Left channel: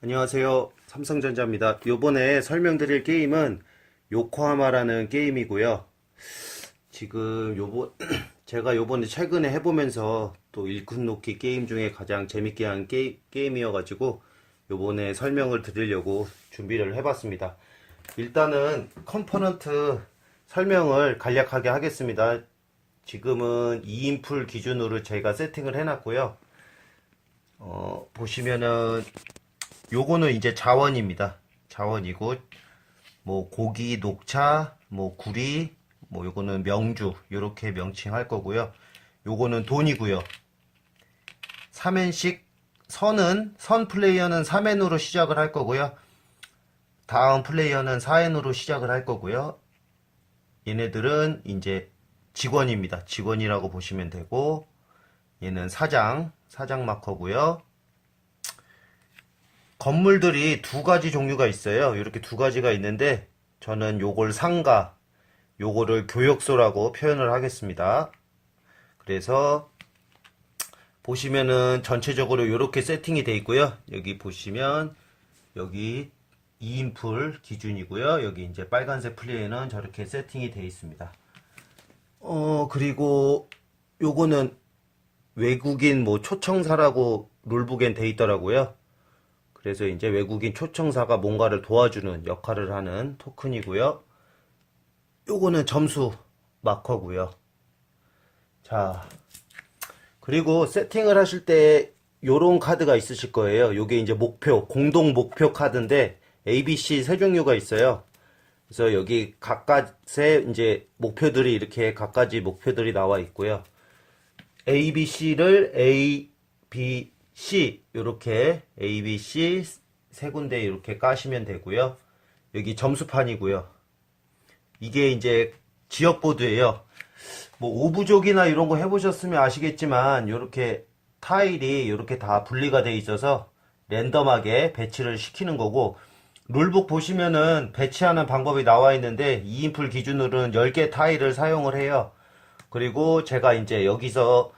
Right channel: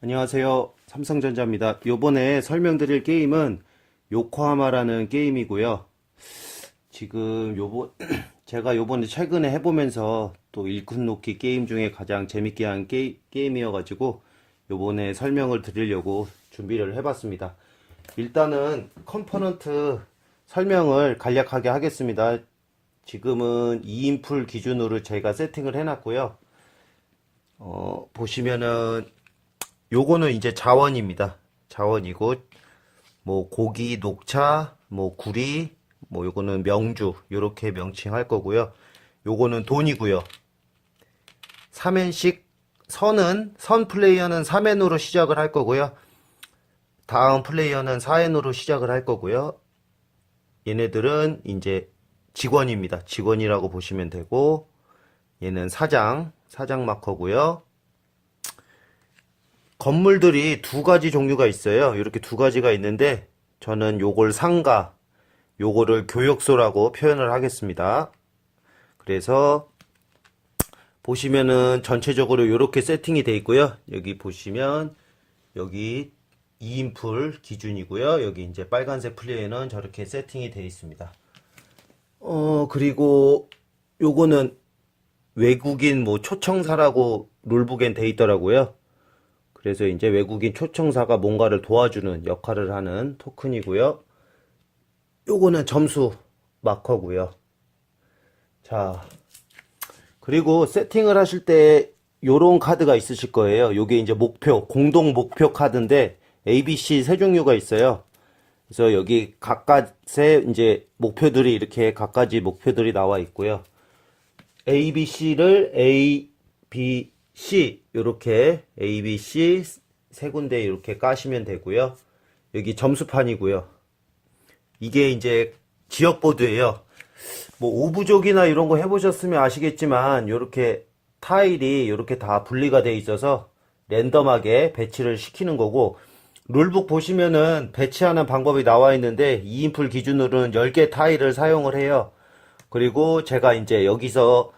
안녕하세요. 삼성전자입니다. 요번에 설명드릴 게임은 요코하마라는 게임이고요. 지금 제가 요번에 최근에 해보면서 또 일꾼 놓기 게임 중에 가장 재밌게 한 게임이어가지고 요번에 설명을 드리려고 준비를 해봤습니다. 일단은 컴포넌트 설명을 간략하게 하겠습니다. 지금은 2인풀 기준으로 제가 세팅을 해놨고요. 보시면은 요거는 이제 자원입니다. 자원이고, 뭐, 고기, 녹차, 뭐, 구리, 뭐, 요거는 명주, 요렇게 명칭할 거고요. 요거는 돈이고요. 3엔씩, 선 플레이어는 3엔으로 시작을 할 거고요. 다음 플레이어는 4엔으로 시작을 할 거고요. 얘네들은 이제 직원입니다. 직원이라고 보시면 되고, 얘는 사장 마커고요. 건물들이 두 가지 종류가 있어요. 이렇게 두 가지가 있는데 저는 요걸 상가, 요거를 교역소라고 표현을 하겠습니다. 그래서 보시면은 전체적으로 이렇게 세팅이 되어 있고요. 여기 보시면 여기 2인풀 기준이고요. 여기 이제 빨간색 플레이어는 저렇게 세팅이 되어 있습니다. 그리고 요거는 외국인 뭐 초청사라고 룰북엔 되어 있더라고요. 그래서 이제 외국인 초청사가 뭔가를 도와주는 역할을 하는 토큰이고요. 요거는 점수 마커고요. 자, 그리고 세팅을 하실 때 요런 카드가 있으실 거예요. 요게 이제 목표, 공동 목표 카드인데 ABC 세 종류가 있어요. 그래서 여기 각각의 이제 목표들이 이렇게 각가지 목표들이 나와 있고요. ABC를 A, B, C 이렇게 A, B, C 세 군데 이렇게 까시면 되고요. 여기 점수판이고요. 이게 이제 지역보드예요. 뭐 오부족이나 이런 거 해보셨으면 아시겠지만 이렇게 타일이 이렇게 다 분리가 돼 있어서 랜덤하게 배치를 시키는 거고, 룰북 보시면은 배치하는 방법이 나와 있는데 2인풀 기준으로는 10개 타일을 사용을 해요. 그리고 제가 이제 여기서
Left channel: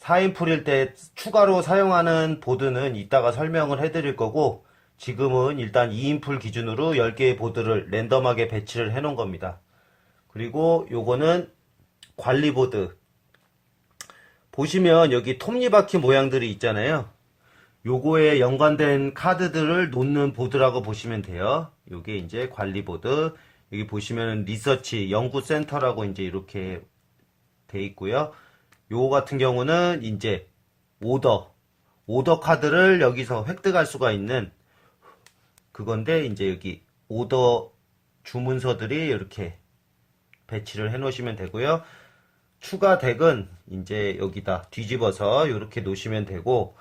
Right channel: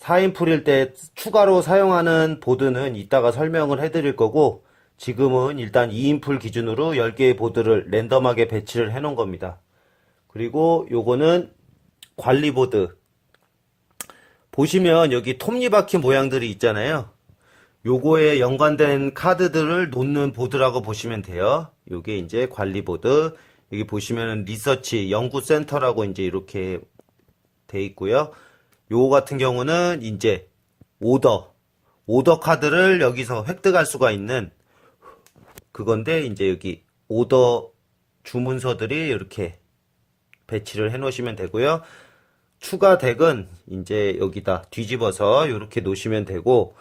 4인풀일 때 추가로 사용하는 보드는 이따가 설명을 해드릴 거고, 지금은 일단 2인풀 기준으로 10개의 보드를 랜덤하게 배치를 해 놓은 겁니다. 그리고 요거는 관리보드. 보시면 여기 톱니바퀴 모양들이 있잖아요. 요거에 연관된 카드들을 놓는 보드라고 보시면 돼요. 요게 이제 관리보드. 여기 보시면 리서치 연구센터라고 이제 이렇게 돼 있고요. 요거 같은 경우는 이제 오더 카드를 여기서 획득할 수가 있는 그건데, 이제 여기 오더 주문서들이 이렇게 배치를 해 놓으시면 되고요. 추가 덱은 이제 여기다 뒤집어서 이렇게 놓으시면 되고,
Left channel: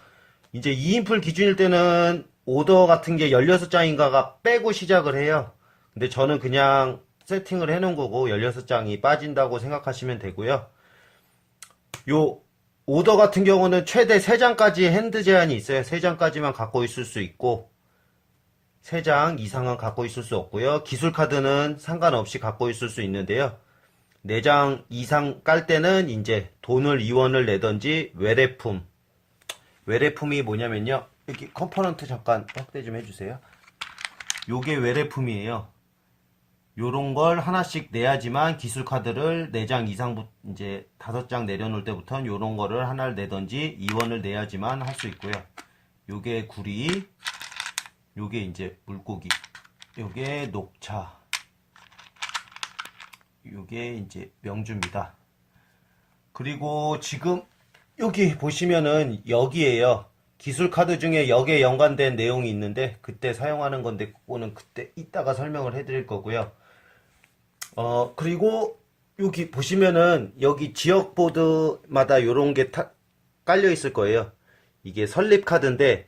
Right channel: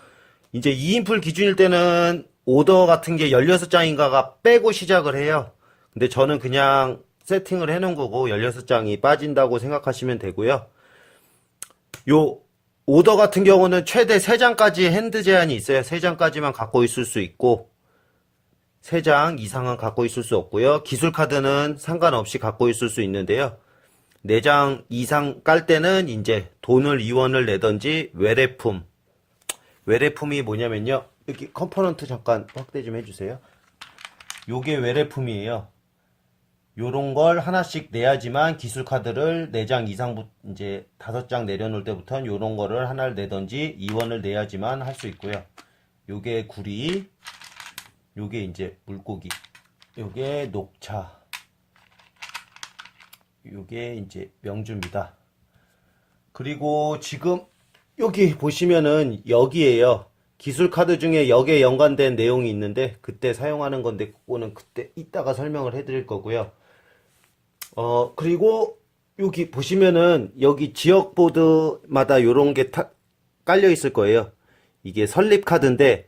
이제 2인풀 기준일 때는 오더 같은 게 16장인가가 빼고 시작을 해요. 근데 저는 그냥 세팅을 해 놓은 거고 16장이 빠진다고 생각하시면 되고요. 요 오더 같은 경우는 최대 3장까지 핸드 제한이 있어요. 3장까지만 갖고 있을 수 있고 3장 이상은 갖고 있을 수 없고요. 기술 카드는 상관없이 갖고 있을 수 있는데요. 4장 이상 깔 때는 이제 돈을 이원을 내던지 외래품이 뭐냐면요. 여기 컴포넌트 잠깐 확대 좀 해주세요. 요게 외래품이에요. 요런 걸 하나씩 내야지만 기술 카드를 4장 이상, 이제 5장 내려놓을 때부터는 요런 거를 하나를 내던지 이원을 내야지만 할 수 있고요. 요게 구리, 요게 이제 물고기, 요게 녹차, 요게 이제 명주입니다. 그리고 지금 여기 보시면은 여기에요. 기술 카드 중에 역에 연관된 내용이 있는데 그때 사용하는 건데 그거는 그때 이따가 설명을 해드릴 거고요. 그리고 여기 보시면은 여기 지역 보드마다 요런 게 깔려 있을 거예요. 이게 설립 카드인데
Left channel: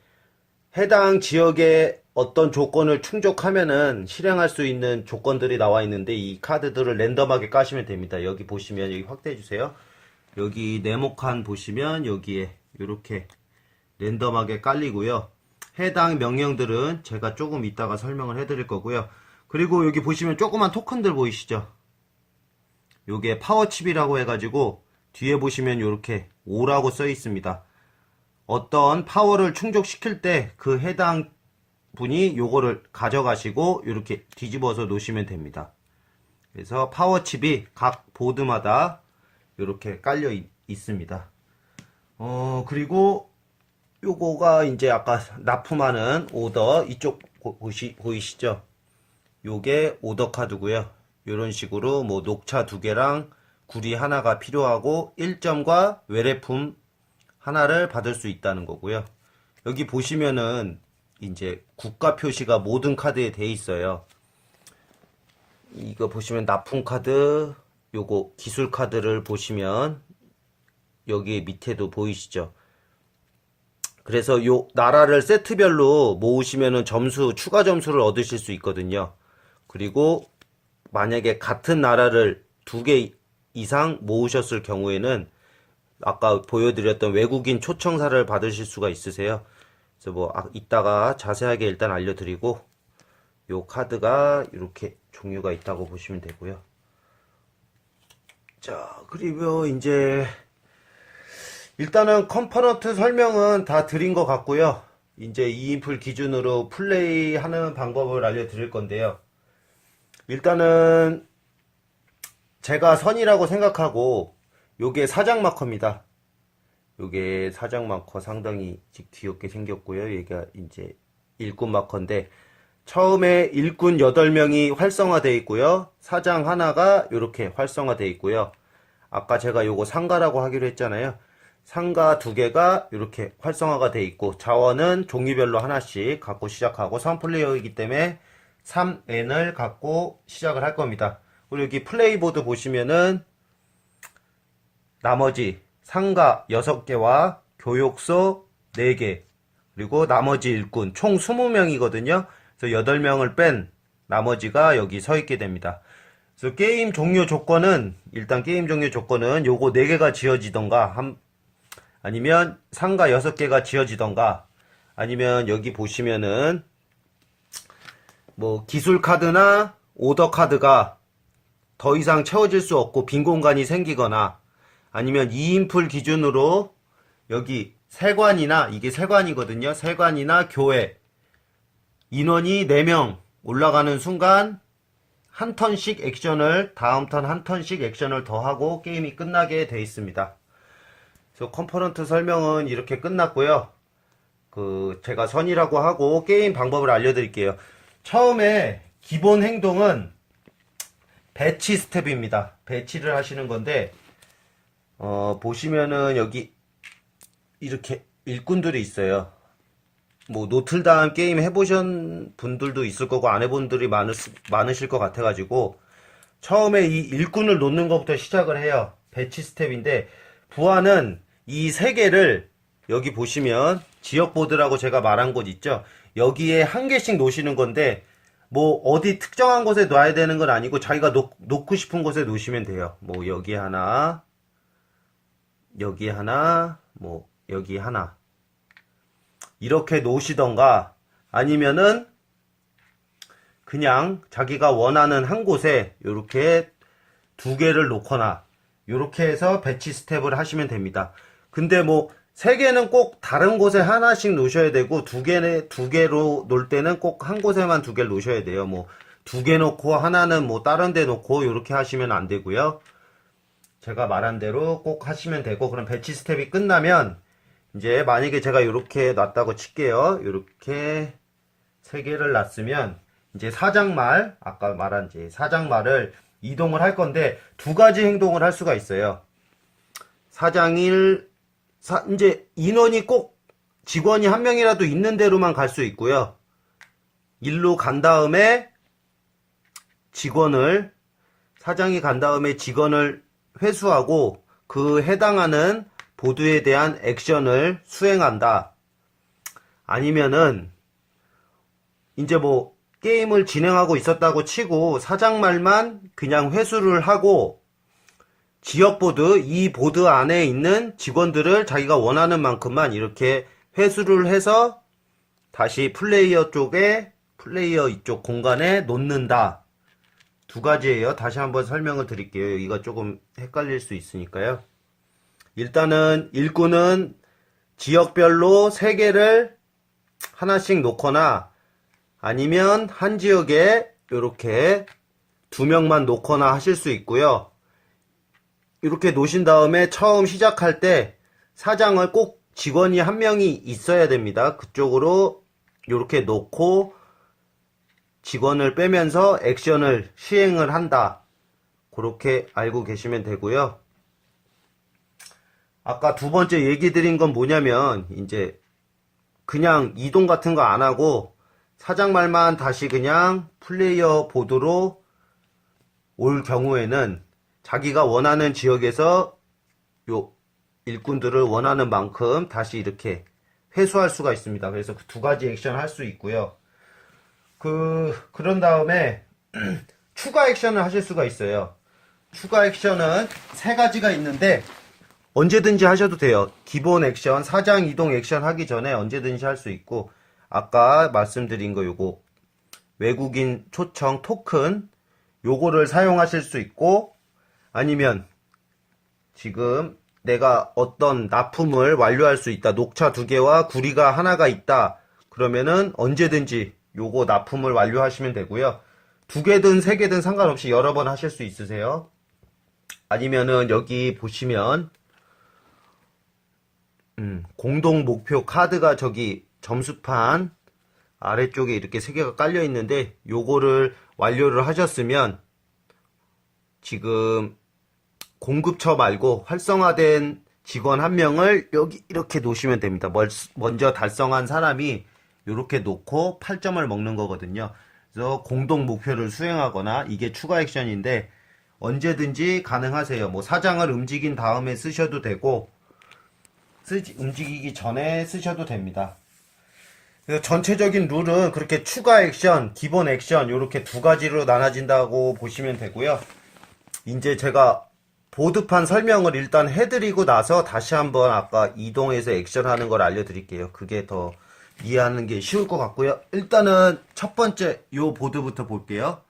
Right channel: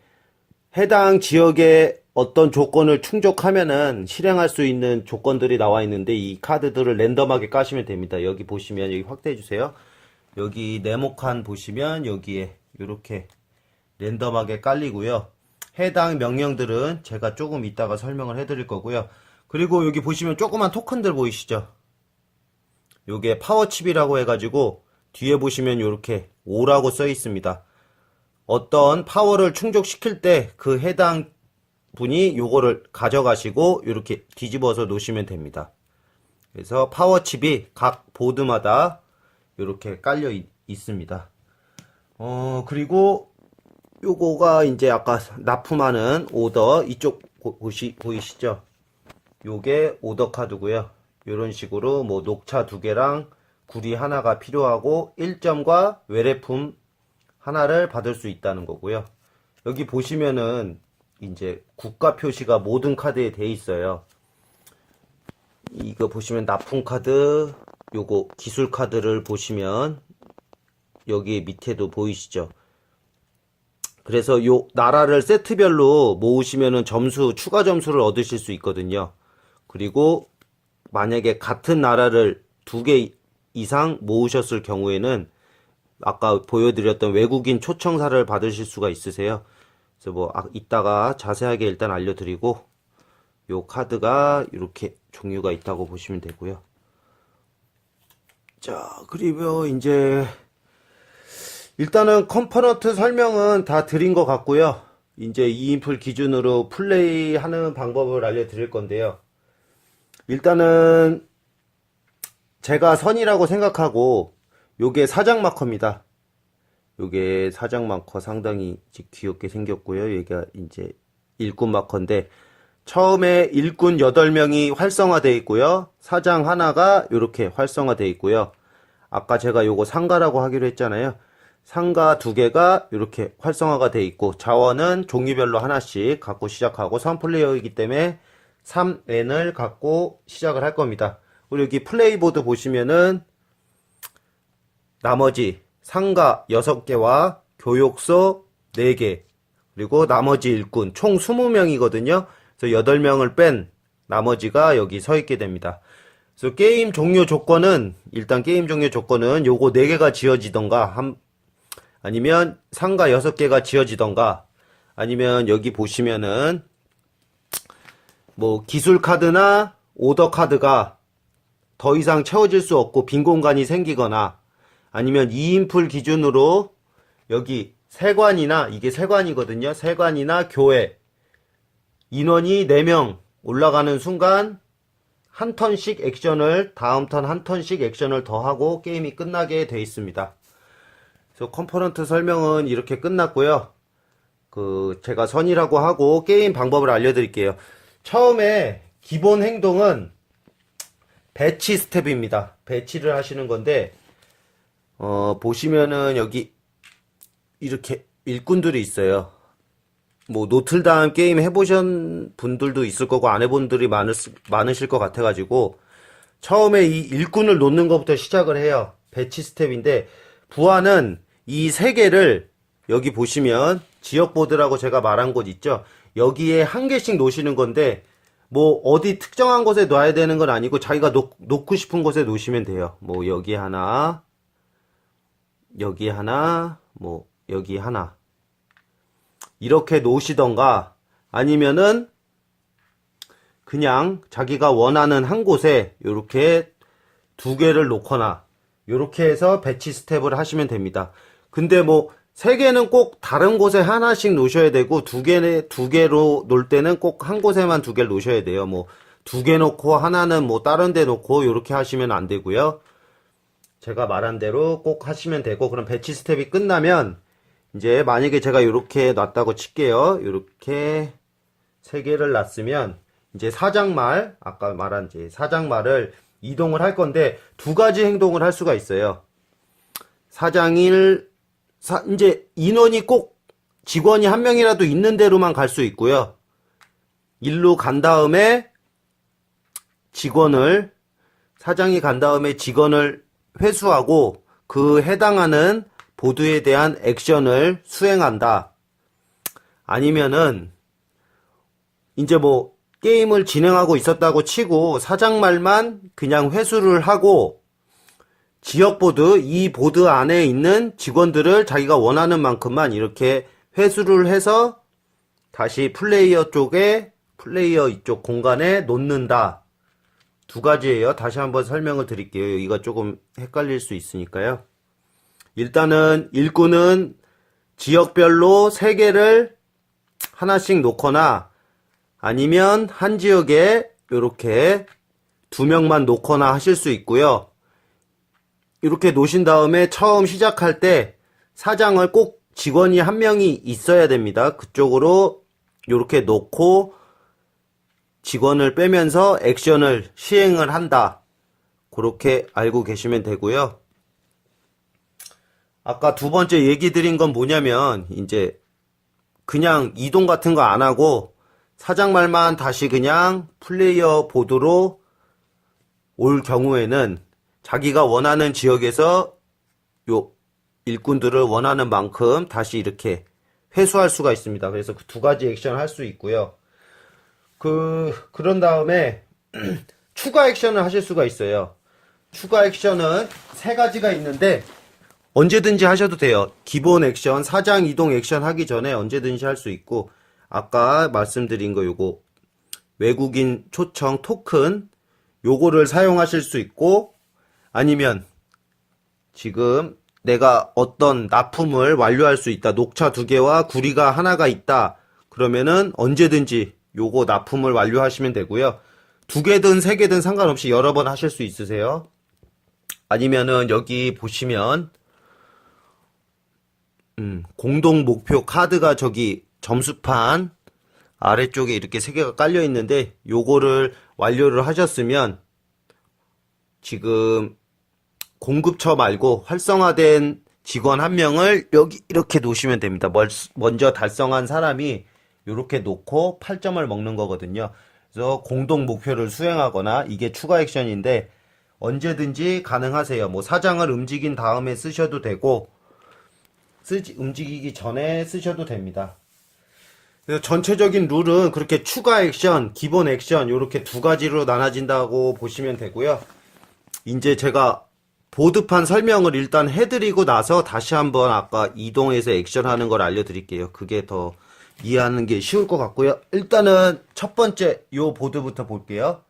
해당 지역에 어떤 조건을 충족하면은 실행할 수 있는 조건들이 나와 있는데 이 카드들을 랜덤하게 까시면 됩니다. 여기 보시면 여기 확대해 주세요. 여기 네모칸 보시면 여기에 이렇게 랜덤하게 깔리고요. 해당 명령들은 제가 조금 이따가 설명을 해드릴 거고요. 그리고 여기 보시면 조그만 토큰들 보이시죠? 요게 파워칩이라고 해가지고 뒤에 보시면 이렇게 5라고 써 있습니다. 어떤 파워를 충족시킬 때 그 해당 분이 요거를 가져가시고 이렇게 뒤집어서 놓으시면 됩니다. 그래서 파워칩이 각 보드마다 이렇게 깔려 있습니다. 그리고 요거가 이제 아까 납품하는 오더 이쪽 보이시죠? 요게 오더 카드고요. 이런 식으로 뭐 녹차 2개랑 구리 하나가 필요하고 1점과 외래품 하나를 받을 수 있다는 거고요. 여기 보시면은 이제 국가 표시가 모든 카드에 돼 있어요. 이거 보시면 납품 카드, 요거 기술 카드를 보시면 여기 밑에도 보이시죠? 그래서 요 나라를 세트별로 모으시면은 추가 점수를 얻으실 수 있거든요. 그리고 만약에 같은 나라를 2개 이상 모으셨을 경우에는 아까 보여드렸던 외국인 초청사를 받으실 수가 있으세요. 그래서 뭐 이따가 자세하게 일단 알려드리고, 요 카드가 이렇게 종류가 있다고 보시면 되고요. 자, 그리고 이제 일단은 컴포넌트 설명은 다 드린 것 같고요. 이제 2인풀 기준으로 플레이하는 방법을 알려드릴 건데요. 일단은 제가 선이라고 생각하고 요게 사장 마커입니다. 요게 사장 마커 상당히 귀엽게 생겼고요. 얘가 이제 일꾼 마커인데 처음에 일꾼 8명이 활성화되어 있고요. 사장 하나가 이렇게 활성화되어 있고요. 아까 제가 요거 상가라고 하기로 했잖아요. 상가 2개가 이렇게 활성화가 되어 있고 자원은 종류별로 하나씩 갖고 시작하고 3플레이어이기 때문에 3N을 갖고 시작을 할 겁니다. 그리고 여기 플레이보드 보시면은 나머지 상가 6개와 교육소 4개 그리고 나머지 일꾼 총 20명이거든요. 그래서 8명을 뺀 나머지가 여기 서 있게 됩니다. 그래서 게임 종료 조건은 일단 게임 종료 조건은 요거 4개가 지어지던가 아니면 상가 6개가 지어지던가 아니면 여기 보시면은 뭐 기술 카드나 오더 카드가 더 이상 채워질 수 없고 빈 공간이 생기거나 아니면 2인풀 기준으로 여기 세관이나 이게 세관이거든요. 세관이나 교회 인원이 4명 올라가는 순간 한 턴씩 액션을 다음 턴 한 턴씩 액션을 더하고 게임이 끝나게 되어 있습니다. 그래서 컴포넌트 설명은 이렇게 끝났고요. 제가 선이라고 하고 게임 방법을 알려드릴게요. 처음에 기본 행동은 배치 스텝입니다. 배치를 하시는 건데 보시면은 여기 이렇게 일꾼들이 있어요. 뭐 노틀담 게임 해보신 분들도 있을 거고 안 해본 분들이 많으실 것 같아가지고 처음에 이 일꾼을 놓는 것부터 시작을 해요. 배치 스텝인데 부하는 이 3개를 여기 보시면 지역보드라고 제가 말한 곳 있죠. 여기에 한 개씩 놓으시는 건데 뭐 어디 특정한 곳에 놔야 되는 건 아니고 자기가 놓고 싶은 곳에 놓으시면 돼요. 뭐 여기 하나 여기 하나 뭐 여기 하나 이렇게 놓으시던가 아니면은 그냥 자기가 원하는 한 곳에 이렇게 2개를 놓거나 이렇게 해서 배치 스텝을 하시면 됩니다. 근데 뭐 3개는 꼭 다른 곳에 하나씩 놓으셔야 되고 2개로 놓을 때는 꼭 한 곳에만 2개를 놓으셔야 돼요. 뭐 2개 놓고 하나는 뭐 다른 데 놓고 이렇게 하시면 안 되고요. 제가 말한 대로 꼭 하시면 되고 그럼 배치 스텝이 끝나면 이제 만약에 제가 이렇게 놨다고 칠게요. 이렇게 3개를 놨으면 이제 사장말 아까 말한 이제 사장말을 이동을 할 건데 2가지 행동을 할 수가 있어요. 이제 인원이 꼭 직원이 한 명이라도 있는 대로만 갈 수 있고요. 일로 간 다음에 사장이 간 다음에 직원을 회수하고 그 해당하는 보드에 대한 액션을 수행한다. 아니면은 이제 뭐 게임을 진행하고 있었다고 치고 사장말만 그냥 회수를 하고 지역보드 이 보드 안에 있는 직원들을 자기가 원하는 만큼만 이렇게 회수를 해서 다시 플레이어 이쪽 공간에 놓는다. 2가지예요. 다시 한번 설명을 드릴게요. 이거 조금 헷갈릴 수 있으니까요. 일단은 일꾼은 지역별로 3개를 하나씩 놓거나 아니면 한 지역에 이렇게 두 명만 놓거나 하실 수 있고요. 이렇게 놓으신 다음에 처음 시작할 때 사장을 꼭 직원이 한 명이 있어야 됩니다. 그쪽으로 이렇게 놓고 직원을 빼면서 액션을 시행을 한다. 그렇게 알고 계시면 되고요. 아까 두 번째 얘기 드린 건 뭐냐면 이제 그냥 이동 같은 거 안 하고 사장 말만 다시 그냥 플레이어 보드로 올 경우에는 자기가 원하는 지역에서 요 일꾼들을 원하는 만큼 다시 이렇게 회수할 수가 있습니다. 그래서 그 두 가지 액션을 할 수 있고요. 그런 다음에 추가 액션을 하실 수가 있어요. 추가 액션은 세 가지가 있는데 언제든지 하셔도 돼요. 기본 액션, 사장 이동 액션 하기 전에 언제든지 할 수 있고, 아까 말씀드린 거 요거 외국인 초청 토큰 요거를 사용하실 수 있고, 아니면 지금 내가 어떤 납품을 완료할 수 있다. 녹차 2개와 구리가 하나가 있다. 그러면은 언제든지 요거 납품을 완료하시면 되고요. 2개든 3개든 상관없이 여러 번 하실 수 있으세요. 아니면은 여기 보시면 공동 목표 카드가 저기 점수판 아래쪽에 이렇게 3개가 깔려 있는데 요거를 완료를 하셨으면 지금 공급처 말고 활성화된 직원 한 명을 여기 이렇게 놓으시면 됩니다. 먼저 달성한 사람이 이렇게 놓고 8점을 먹는 거거든요. 그래서 공동 목표를 수행하거나 이게 추가 액션인데 언제든지 가능하세요. 뭐 사장을 움직인 다음에 쓰셔도 되고 움직이기 전에 쓰셔도 됩니다. 그래서 전체적인 룰은 그렇게 추가 액션, 기본 액션 이렇게 두 가지로 나눠진다고 보시면 되고요. 이제 제가 보드판 설명을 일단 해드리고 나서 다시 한번 아까 이동해서 액션하는 걸 알려드릴게요. 그게 더 이해하는 게 쉬울 것 같고요. 일단은 첫 번째 요 보드부터 볼게요.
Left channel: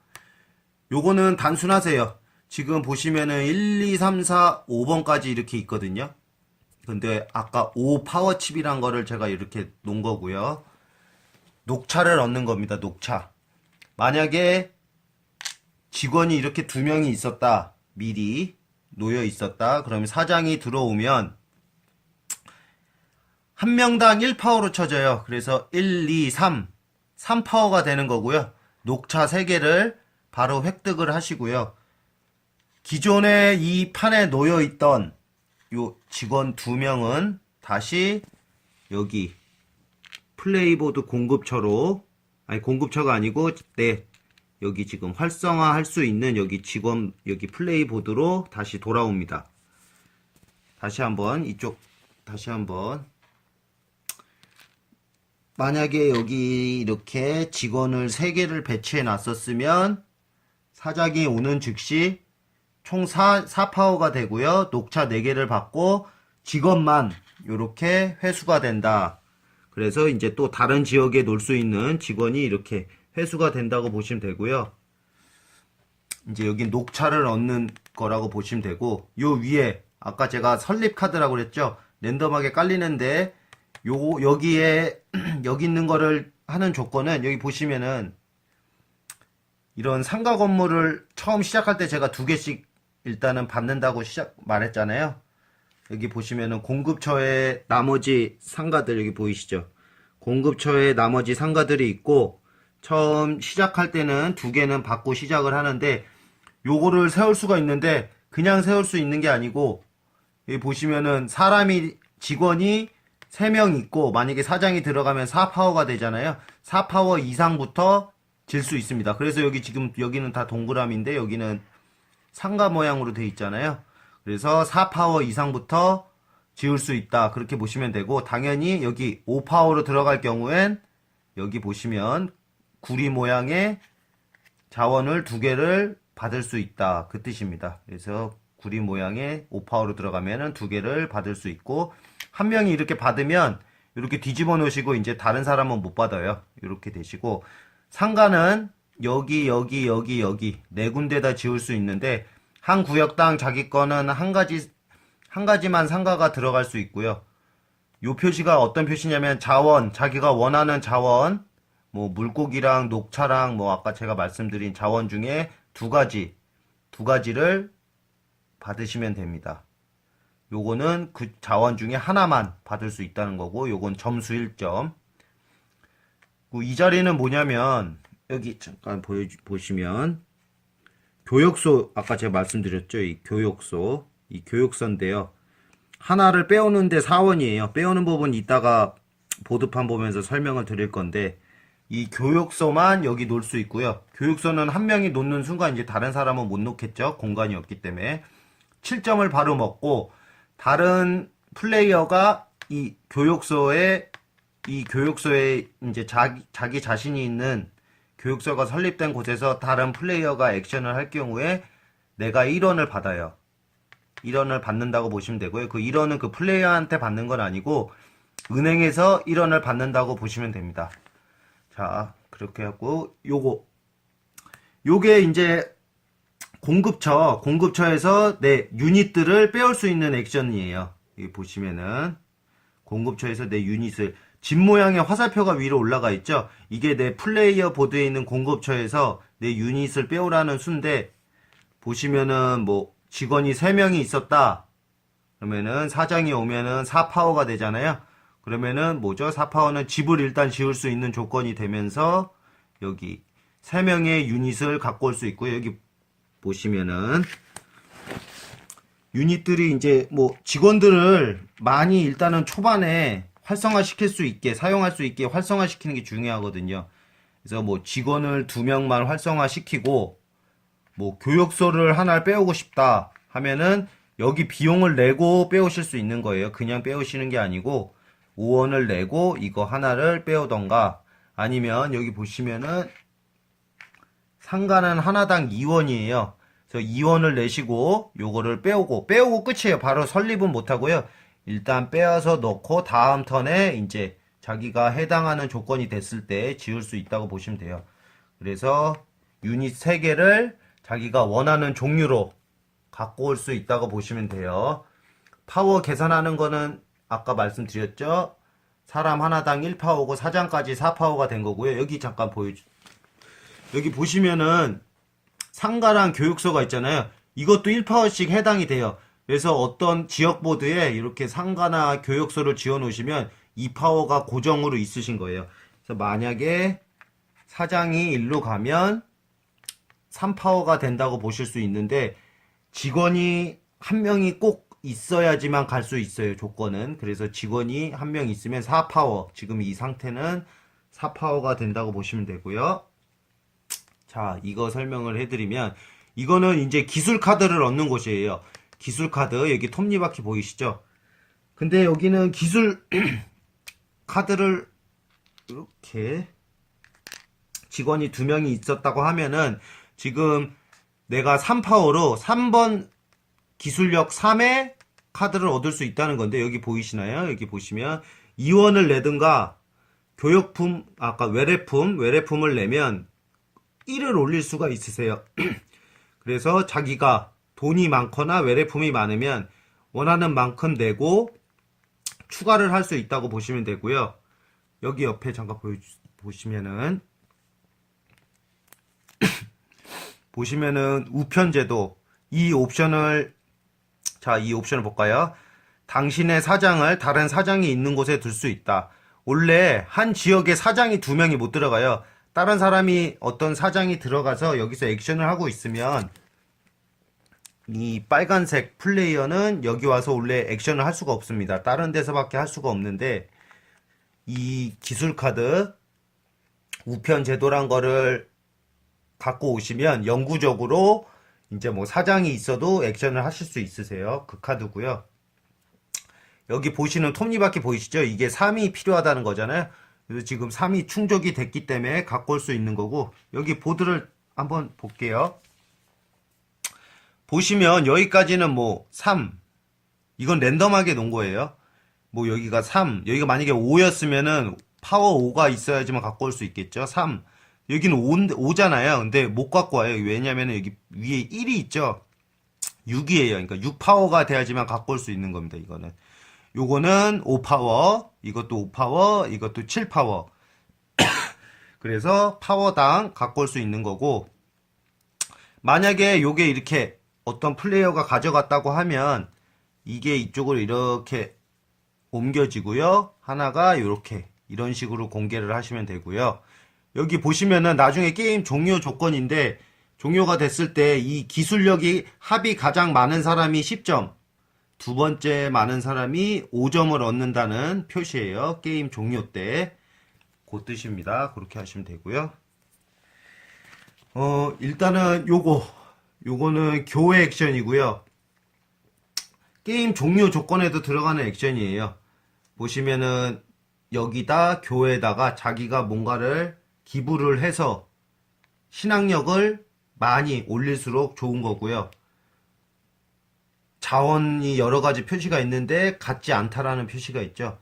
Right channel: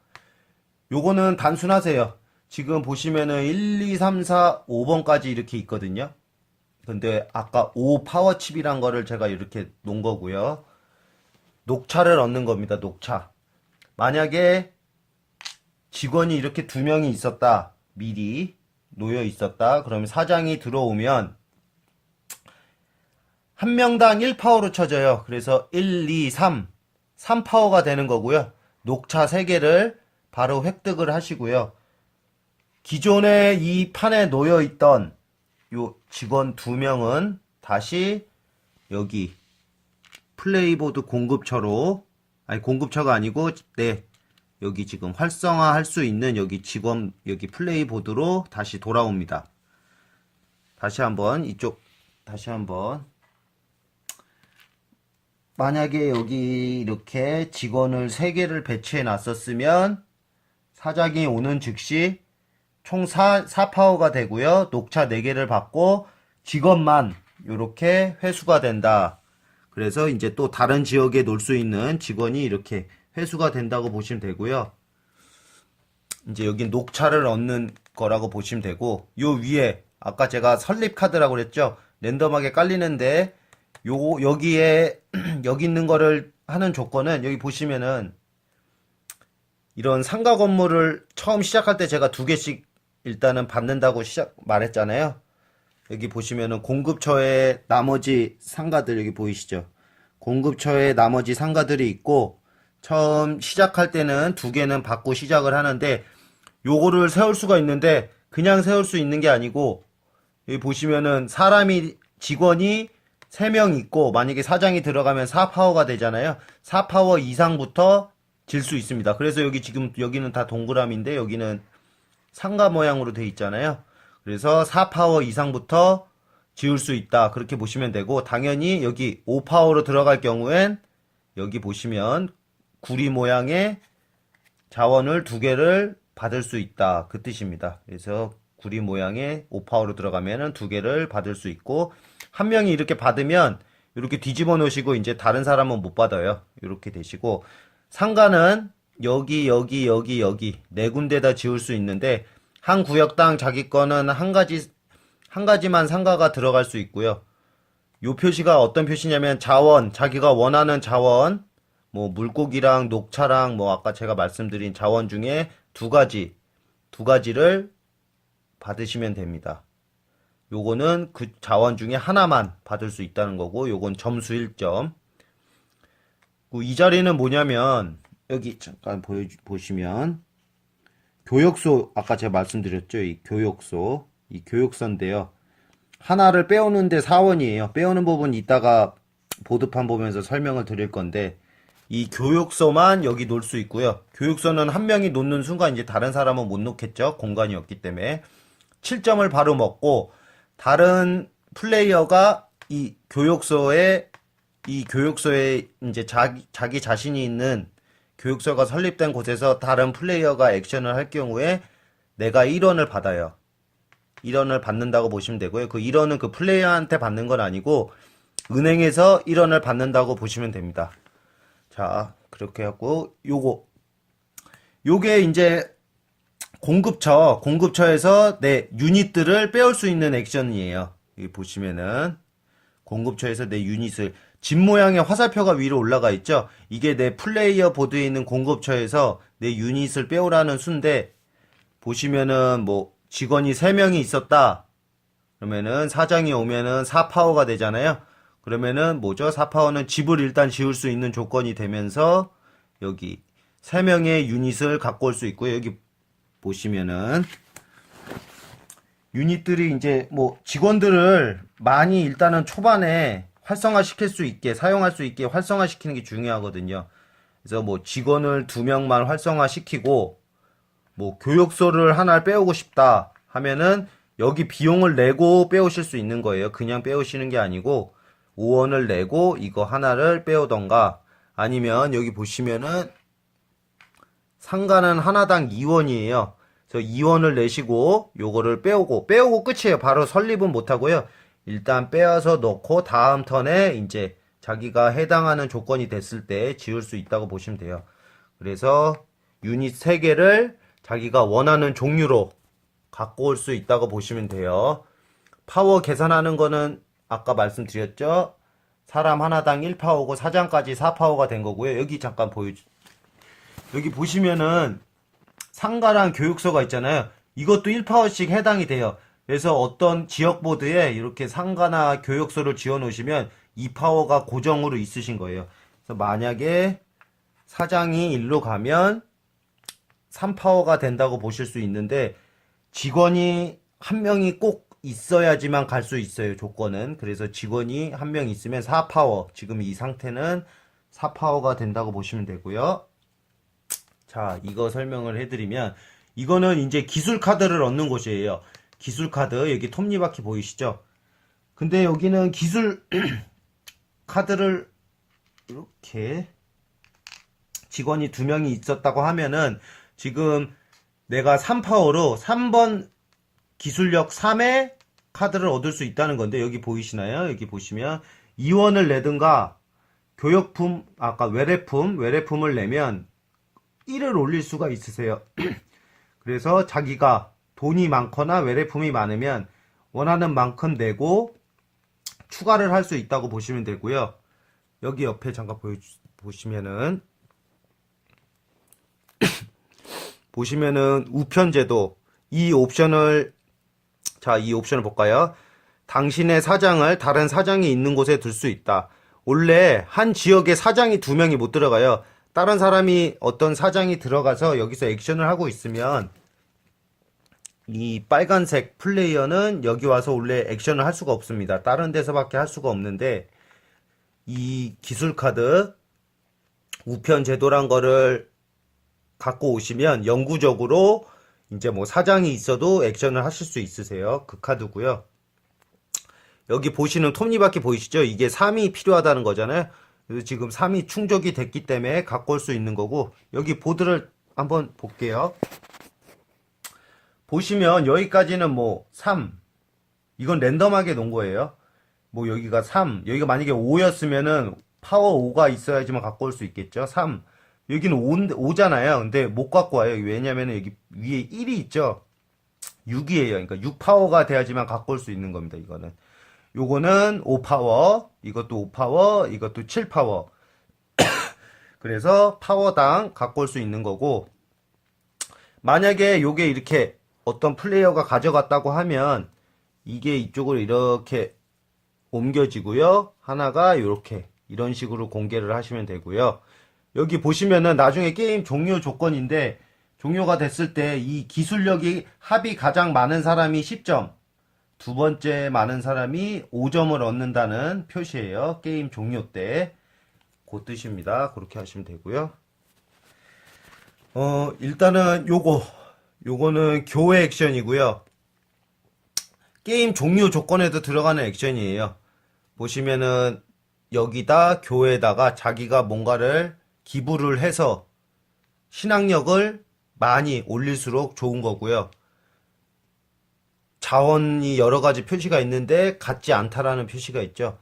요거는 단순하세요. 지금 보시면은 1, 2, 3, 4, 5번까지 이렇게 있거든요. 근데 아까 5 파워칩이란 거를 제가 이렇게 놓은 거고요. 녹차를 얻는 겁니다. 녹차. 만약에 직원이 이렇게 2명이 있었다. 미리 놓여 있었다. 그러면 사장이 들어오면 한 명당 1파워로 쳐져요. 그래서 1, 2, 3, 3파워가 되는 거고요. 녹차 3개를 바로 획득을 하시고요. 기존에 이 판에 놓여 있던 요 직원 2명은 다시 여기 플레이보드 공급처로, 아니 공급처가 아니고 네, 여기 지금 활성화할 수 있는 여기 직원 여기 플레이보드로 다시 돌아옵니다. 다시 한번 이쪽 다시 한번 만약에 여기 이렇게 직원을 3개를 배치해 놨었으면 사장이 오는 즉시 총 4파워가 되고요. 녹차 4개를 받고 직원만 이렇게 회수가 된다. 그래서 이제 또 다른 지역에 놓을 수 있는 직원이 이렇게 회수가 된다고 보시면 되고요. 이제 여기 녹차를 얻는 거라고 보시면 되고, 요 위에 아까 제가 설립 카드라고 그랬죠. 랜덤하게 깔리는데 여기에 여기 있는 거를 하는 조건은 여기 보시면은 이런 상가 건물을 처음 시작할 때 제가 2개씩 일단은 받는다고 말했잖아요. 여기 보시면은 공급처에 나머지 상가들 여기 보이시죠? 공급처에 나머지 상가들이 있고 처음 시작할 때는 2개는 받고 시작을 하는데 요거를 세울 수가 있는데 그냥 세울 수 있는 게 아니고 여기 보시면은 직원이 3명 있고 만약에 사장이 들어가면 4파워가 되잖아요. 4파워 이상부터 질 수 있습니다. 그래서 여기 지금 여기는 다 동그라미인데 여기는 상가 모양으로 돼 있잖아요. 그래서 4파워 이상부터 지을 수 있다. 그렇게 보시면 되고 당연히 여기 5파워로 들어갈 경우엔 여기 보시면 구리 모양의 자원을 2개를 받을 수 있다. 그 뜻입니다. 그래서 구리 모양의 5파워로 들어가면은 2개를 받을 수 있고 한 명이 이렇게 받으면 이렇게 뒤집어 놓으시고 이제 다른 사람은 못 받아요. 이렇게 되시고 상가는 여기 4군데다 지을 수 있는데 한 구역당 자기 거는 한 가지만 상가가 들어갈 수 있고요. 요 표시가 어떤 표시냐면 자원, 자기가 원하는 자원, 뭐 물고기랑 녹차랑 뭐 아까 제가 말씀드린 자원 중에 두 가지를 받으시면 됩니다. 요거는 그 자원 중에 하나만 받을 수 있다는 거고, 요건 점수 1점. 이 자리는 뭐냐면, 여기 잠깐 보시면, 교역소, 아까 제가 말씀드렸죠? 이 교역소인데요. 하나를 빼오는데 4원이에요. 빼오는 부분 이따가 보드판 보면서 설명을 드릴 건데, 이 교육소만 여기 놓을 수 있고요. 교육소는 한 명이 놓는 순간 이제 다른 사람은 못 놓겠죠. 공간이 없기 때문에. 7점을 바로 먹고, 다른 플레이어가 이 교육소에 이제 자기 자신이 있는 교육소가 설립된 곳에서 다른 플레이어가 액션을 할 경우에 내가 1원을 받아요. 1원을 받는다고 보시면 되고요. 그 1원은 그 플레이어한테 받는 건 아니고 은행에서 1원을 받는다고 보시면 됩니다. 자, 그렇게 하고 요게 이제 공급처에서 내 유닛들을 빼올 수 있는 액션이에요. 여기 보시면은 공급처에서 내 유닛을 집 모양의 화살표가 위로 올라가 있죠. 이게 내 플레이어 보드에 있는 공급처에서 내 유닛을 빼오라는 수인데, 보시면은 뭐 직원이 3명이 있었다 그러면은 사장이 오면은 4파워가 되잖아요. 그러면은 뭐죠? 4파워는 집을 일단 지을 수 있는 조건이 되면서 여기 3명의 유닛을 갖고 올 수 있고요. 여기 보시면은 유닛들이 이제 뭐 직원들을 많이 일단은 초반에 활성화시킬 수 있게, 사용할 수 있게 활성화시키는 게 중요하거든요. 그래서 뭐 직원을 2명만 활성화시키고 뭐 교육소를 하나를 빼오고 싶다 하면은 여기 비용을 내고 빼오실 수 있는 거예요. 그냥 빼오시는 게 아니고 5원을 내고 이거 하나를 빼오던가, 아니면 여기 보시면은 상가는 하나당 2원이에요. 그래서 2원을 내시고 요거를 빼오고 끝이에요. 바로 설립은 못하고요. 일단 빼어서 넣고 다음 턴에 이제 자기가 해당하는 조건이 됐을 때 지을 수 있다고 보시면 돼요. 그래서 유닛 3개를 자기가 원하는 종류로 갖고 올 수 있다고 보시면 돼요. 파워 계산하는 거는 아까 말씀드렸죠. 사람 하나당 1파워고 사장까지 4파워가 된 거고요. 여기 잠깐 여기 보시면은 상가랑 교육소가 있잖아요. 이것도 1파워씩 해당이 돼요. 그래서 어떤 지역 보드에 이렇게 상가나 교육소를 지어 놓으시면 2파워가 고정으로 있으신 거예요. 그래서 만약에 사장이 일로 가면 3파워가 된다고 보실 수 있는데, 직원이 한 명이 꼭 있어야지만 갈 수 있어요. 조건은. 그래서 직원이 한 명 있으면 4파워, 지금 이 상태는 4파워가 된다고 보시면 되고요. 자, 이거 설명을 해드리면, 이거는 이제 기술 카드를 얻는 곳이에요. 기술 카드, 여기 톱니바퀴 보이시죠? 근데 여기는 기술 카드를 이렇게 직원이 2명이 있었다고 하면은, 지금 내가 3파워로 3번 기술력 3의 카드를 얻을 수 있다는 건데, 여기 보이시나요? 여기 보시면 2원을 내든가 교역품, 아까 외래품을 내면 1을 올릴 수가 있으세요. 그래서 자기가 돈이 많거나 외래품이 많으면 원하는 만큼 내고 추가를 할 수 있다고 보시면 되고요. 여기 옆에 잠깐 보시면은 우편제도, 이 옵션을 볼까요? 당신의 사장을 다른 사장이 있는 곳에 둘 수 있다. 원래 한 지역에 사장이 2명이 못 들어가요. 다른 사람이, 어떤 사장이 들어가서 여기서 액션을 하고 있으면 이 빨간색 플레이어는 여기 와서 원래 액션을 할 수가 없습니다. 다른 데서밖에 할 수가 없는데, 이 기술카드 우편제도란 거를 갖고 오시면 영구적으로 이제 뭐 사장이 있어도 액션을 하실 수 있으세요. 그 카드고요. 여기 보시는 톱니바퀴 보이시죠? 이게 3이 필요하다는 거잖아요. 그래서 지금 3이 충족이 됐기 때문에 갖고 올 수 있는 거고, 여기 보드를 한번 볼게요. 보시면 여기까지는 뭐 3, 이건 랜덤하게 놓은 거예요. 뭐 여기가 3, 여기가 만약에 5였으면은 파워 5가 있어야지만 갖고 올 수 있겠죠. 3, 여기는 5잖아요. 근데 못 갖고 와요. 왜냐면 여기 위에 1이 있죠. 6이에요. 그러니까 6파워가 돼야지만 갖고 올 수 있는 겁니다. 이거는. 요거는 5파워, 이것도 5파워, 이것도 7파워. 그래서 파워당 갖고 올 수 있는 거고, 만약에 요게 이렇게 어떤 플레이어가 가져갔다고 하면 이게 이쪽으로 이렇게 옮겨지고요. 하나가 이렇게 이런 식으로 공개를 하시면 되고요. 여기 보시면은 나중에 게임 종료 조건인데, 종료가 됐을 때 이 기술력이 합이 가장 많은 사람이 10점, 두 번째 많은 사람이 5점을 얻는다는 표시예요. 게임 종료 때. 그 뜻입니다. 그렇게 하시면 되고요. 일단은 요거는 교회 액션이고요. 게임 종료 조건에도 들어가는 액션이에요. 보시면은 여기다 교회에다가 자기가 뭔가를 기부를 해서 신앙력을 많이 올릴수록 좋은 거고요. 자원이 여러 가지 표시가 있는데 같지 않다라는 표시가 있죠.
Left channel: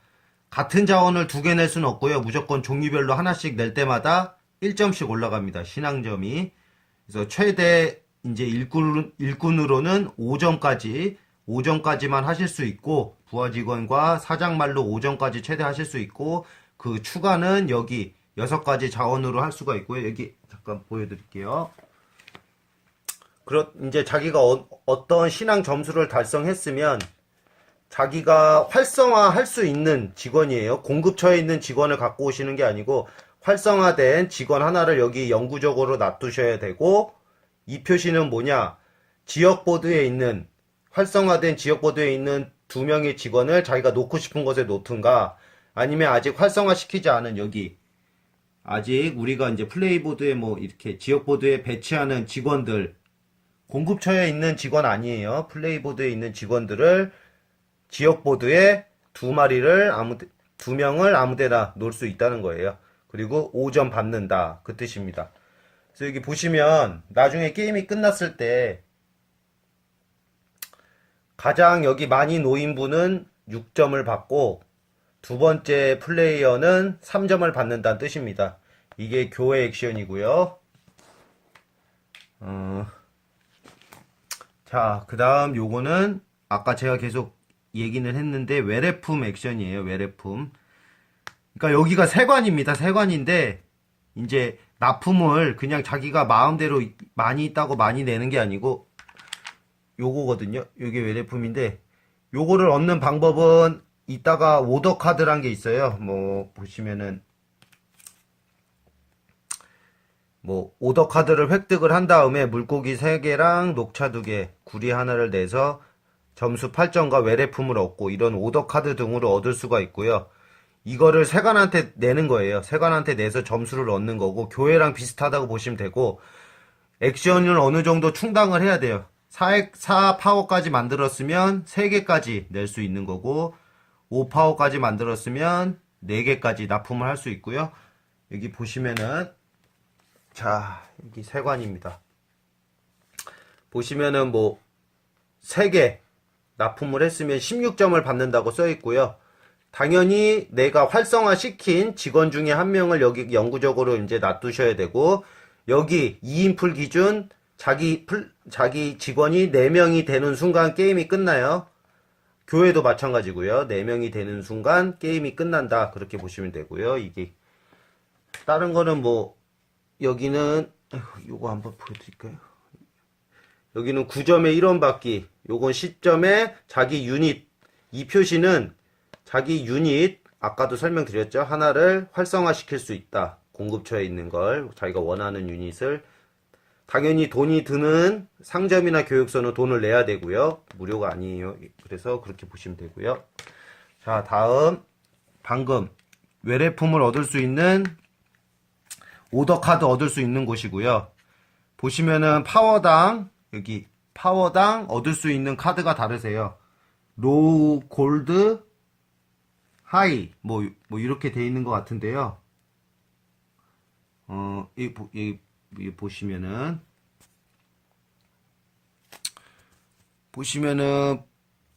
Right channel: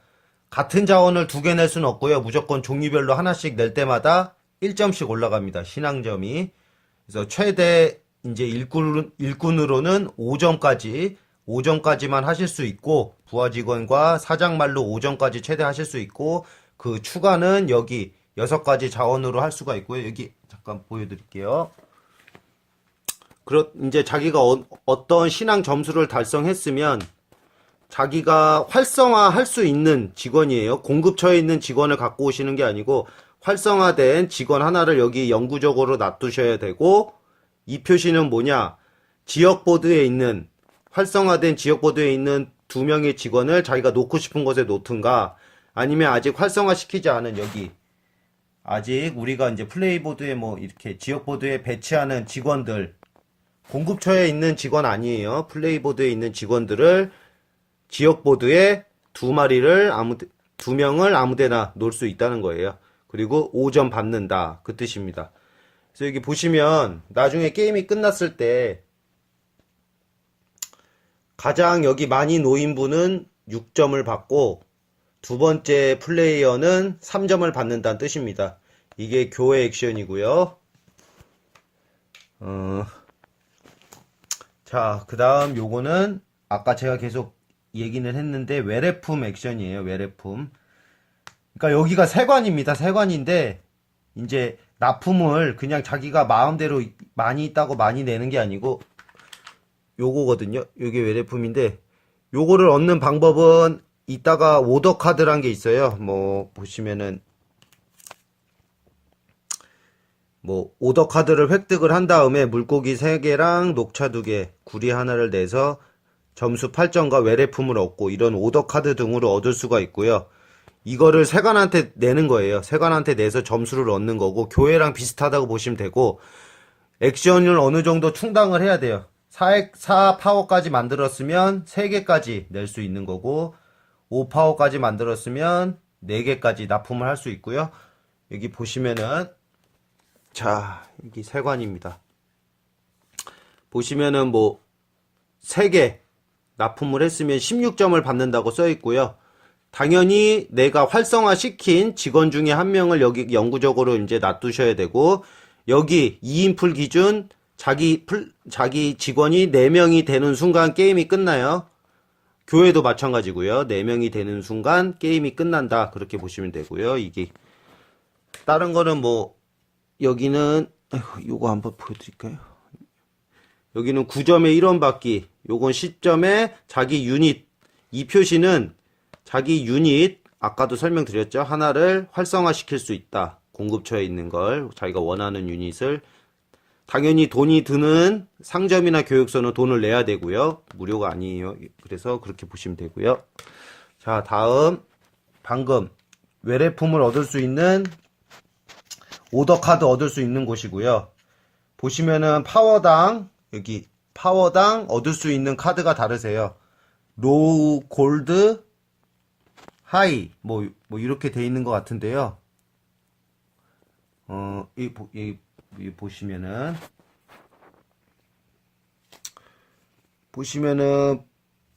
같은 자원을 두 개 낼 수는 없고요. 무조건 종류별로 하나씩 낼 때마다 1점씩 올라갑니다. 신앙점이. 그래서 최대 이제 일꾼으로는 5점까지만 하실 수 있고, 부하 직원과 사장말로 5점까지 최대 하실 수 있고, 그 추가는 여기 6가지 자원으로 할 수가 있고요. 여기 잠깐 보여드릴게요. 이제 자기가 어떤 신앙 점수를 달성했으면 자기가 활성화할 수 있는 직원이에요. 공급처에 있는 직원을 갖고 오시는 게 아니고 활성화된 직원 하나를 여기 영구적으로 놔두셔야 되고, 이 표시는 뭐냐? 활성화된 지역보드에 있는 2명의 직원을 자기가 놓고 싶은 곳에 놓든가, 아니면 아직 활성화시키지 않은 여기, 아직 우리가 이제 플레이보드에 뭐 이렇게 지역보드에 배치하는 직원들, 공급처에 있는 직원 아니에요. 플레이보드에 있는 직원들을 지역보드에 2명을 아무데나 놓을 수 있다는 거예요. 그리고 5점 받는다. 그 뜻입니다. 그래서 여기 보시면 나중에 게임이 끝났을 때 가장 여기 많이 놓인 분은 6점을 받고 두 번째 플레이어는 3점을 받는다는 뜻입니다. 이게 교회 액션이고요. 자, 그 다음 요거는 아까 제가 계속 얘기는 했는데 외래품 액션이에요. 외래품. 그러니까 여기가 세관입니다. 세관인데 이제 납품을 그냥 자기가 마음대로 많이 있다고 많이 내는 게 아니고 요거거든요. 요게 외래품인데 요거를 얻는 방법은 이따가 오더 카드란 게 있어요. 뭐 보시면은 뭐 오더 카드를 획득을 한 다음에 물고기 3개랑 녹차 2개, 구리 하나를 내서 점수 8점과 외래품을 얻고 이런 오더 카드 등으로 얻을 수가 있고요. 이거를 세관한테 내는 거예요. 세관한테 내서 점수를 얻는 거고, 교회랑 비슷하다고 보시면 되고, 액션을 어느 정도 충당을 해야 돼요. 4파워까지 만들었으면 3개까지 낼 수 있는 거고, 5파워까지 만들었으면 4개까지 납품을 할 수 있고요. 여기 보시면은 자, 여기 세관입니다. 보시면은 뭐 3개 납품을 했으면 16점을 받는다고 써 있고요. 당연히 내가 활성화시킨 직원 중에 한 명을 여기 영구적으로 이제 놔두셔야 되고, 여기 2인풀 기준 자기 직원이 4명이 되는 순간 게임이 끝나요. 교회도 마찬가지고요. 4명이 되는 순간 게임이 끝난다. 그렇게 보시면 되고요. 이게 다른 거는 뭐 여기는 요거 한번 보여드릴까요? 여기는 9점에 1원 받기, 요건 10점에 자기 유닛. 이 표시는 자기 유닛, 아까도 설명드렸죠. 하나를 활성화시킬 수 있다. 공급처에 있는 걸, 자기가 원하는 유닛을. 당연히 돈이 드는 상점이나 교육소는 돈을 내야 되고요. 무료가 아니에요. 그래서 그렇게 보시면 되고요. 자, 다음 방금 외래품을 얻을 수 있는 오더 카드 얻을 수 있는 곳이고요. 보시면은 파워당, 여기 파워당 얻을 수 있는 카드가 다르세요. 로우, 골드, 하이 뭐 이렇게 돼 있는 것 같은데요. 이 보시면은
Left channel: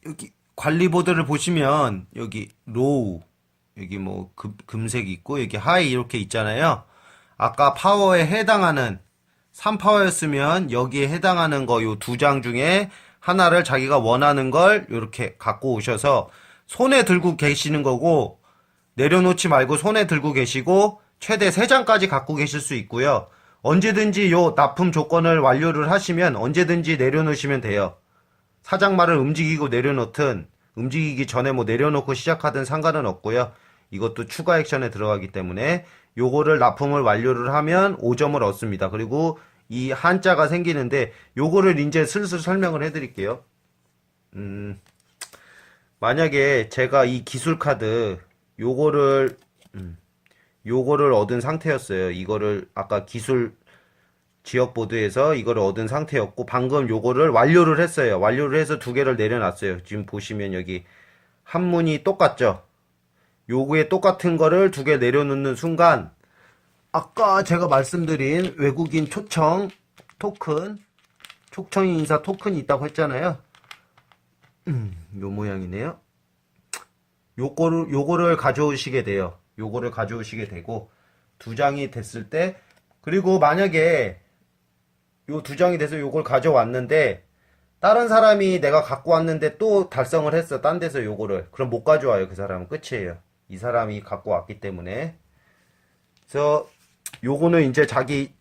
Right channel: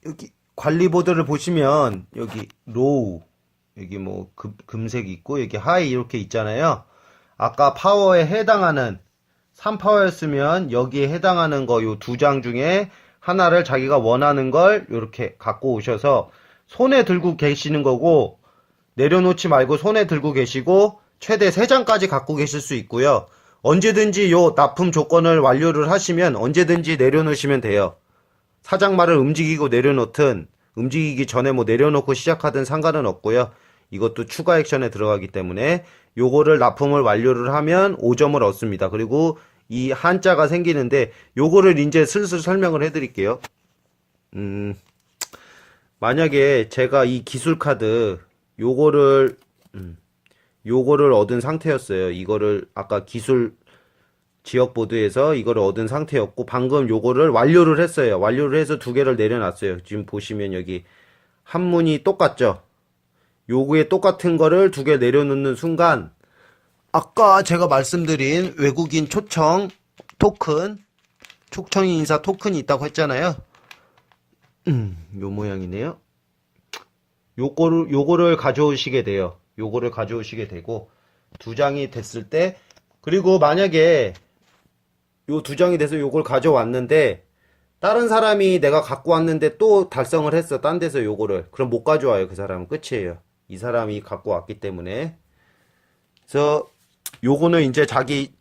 여기 관리보드를 보시면 여기 로우, 여기 뭐 금색 있고 여기 하이 이렇게 있잖아요. 아까 파워에 해당하는 3파워였으면 여기에 해당하는 거 요 2장 중에 하나를 자기가 원하는 걸 이렇게 갖고 오셔서 손에 들고 계시는 거고, 내려놓지 말고 손에 들고 계시고 최대 3장까지 갖고 계실 수 있고요. 언제든지 요 납품 조건을 완료를 하시면 언제든지 내려놓으시면 돼요. 사장말을 움직이고 내려놓든 움직이기 전에 뭐 내려놓고 시작하든 상관은 없고요. 이것도 추가 액션에 들어가기 때문에 요거를 납품을 완료를 하면 5점을 얻습니다. 그리고 이 한자가 생기는데 요거를 이제 슬슬 설명을 해드릴게요. 만약에 제가 이 기술카드 요거를 얻은 상태였어요. 이거를 아까 기술 지역보드에서 이거를 얻은 상태였고 방금 요거를 완료를 했어요. 완료를 해서 2개를 내려놨어요. 지금 보시면 여기 한문이 똑같죠. 요거에 똑같은 거를 2개 내려놓는 순간 아까 제가 말씀드린 외국인 초청 토큰, 초청인 인사 토큰이 있다고 했잖아요. 요 모양이네요. 요거를 가져오시게 돼요. 요거를 가져오시게 되고 2장이 됐을 때, 그리고 만약에 요 2장이 돼서 요걸 가져왔는데 다른 사람이 내가 갖고 왔는데 또 달성을 했어, 딴 데서 요거를, 그럼 못 가져와요. 그 사람은 끝이에요. 이 사람이 갖고 왔기 때문에. 그래서 요거는 이제 자기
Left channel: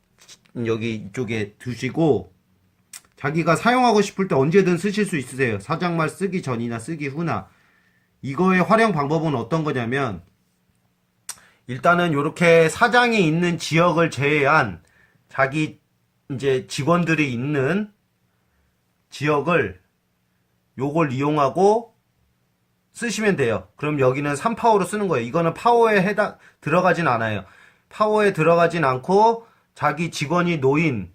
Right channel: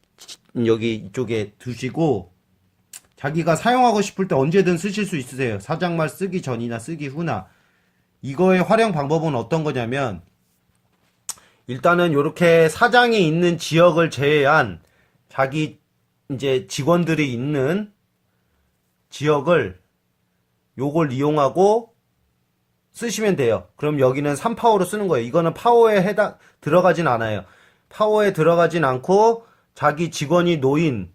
여기 이쪽에 두시고 자기가 사용하고 싶을 때 언제든 쓰실 수 있으세요. 사장말 쓰기 전이나 쓰기 후나. 이거의 활용 방법은 어떤 거냐면, 일단은 요렇게 사장이 있는 지역을 제외한 자기 이제 직원들이 있는 지역을 요걸 이용하고 쓰시면 돼요. 그럼 여기는 3파워로 쓰는 거예요. 이거는 파워에 들어가진 않아요. 파워에 들어가진 않고 자기 직원이 놓인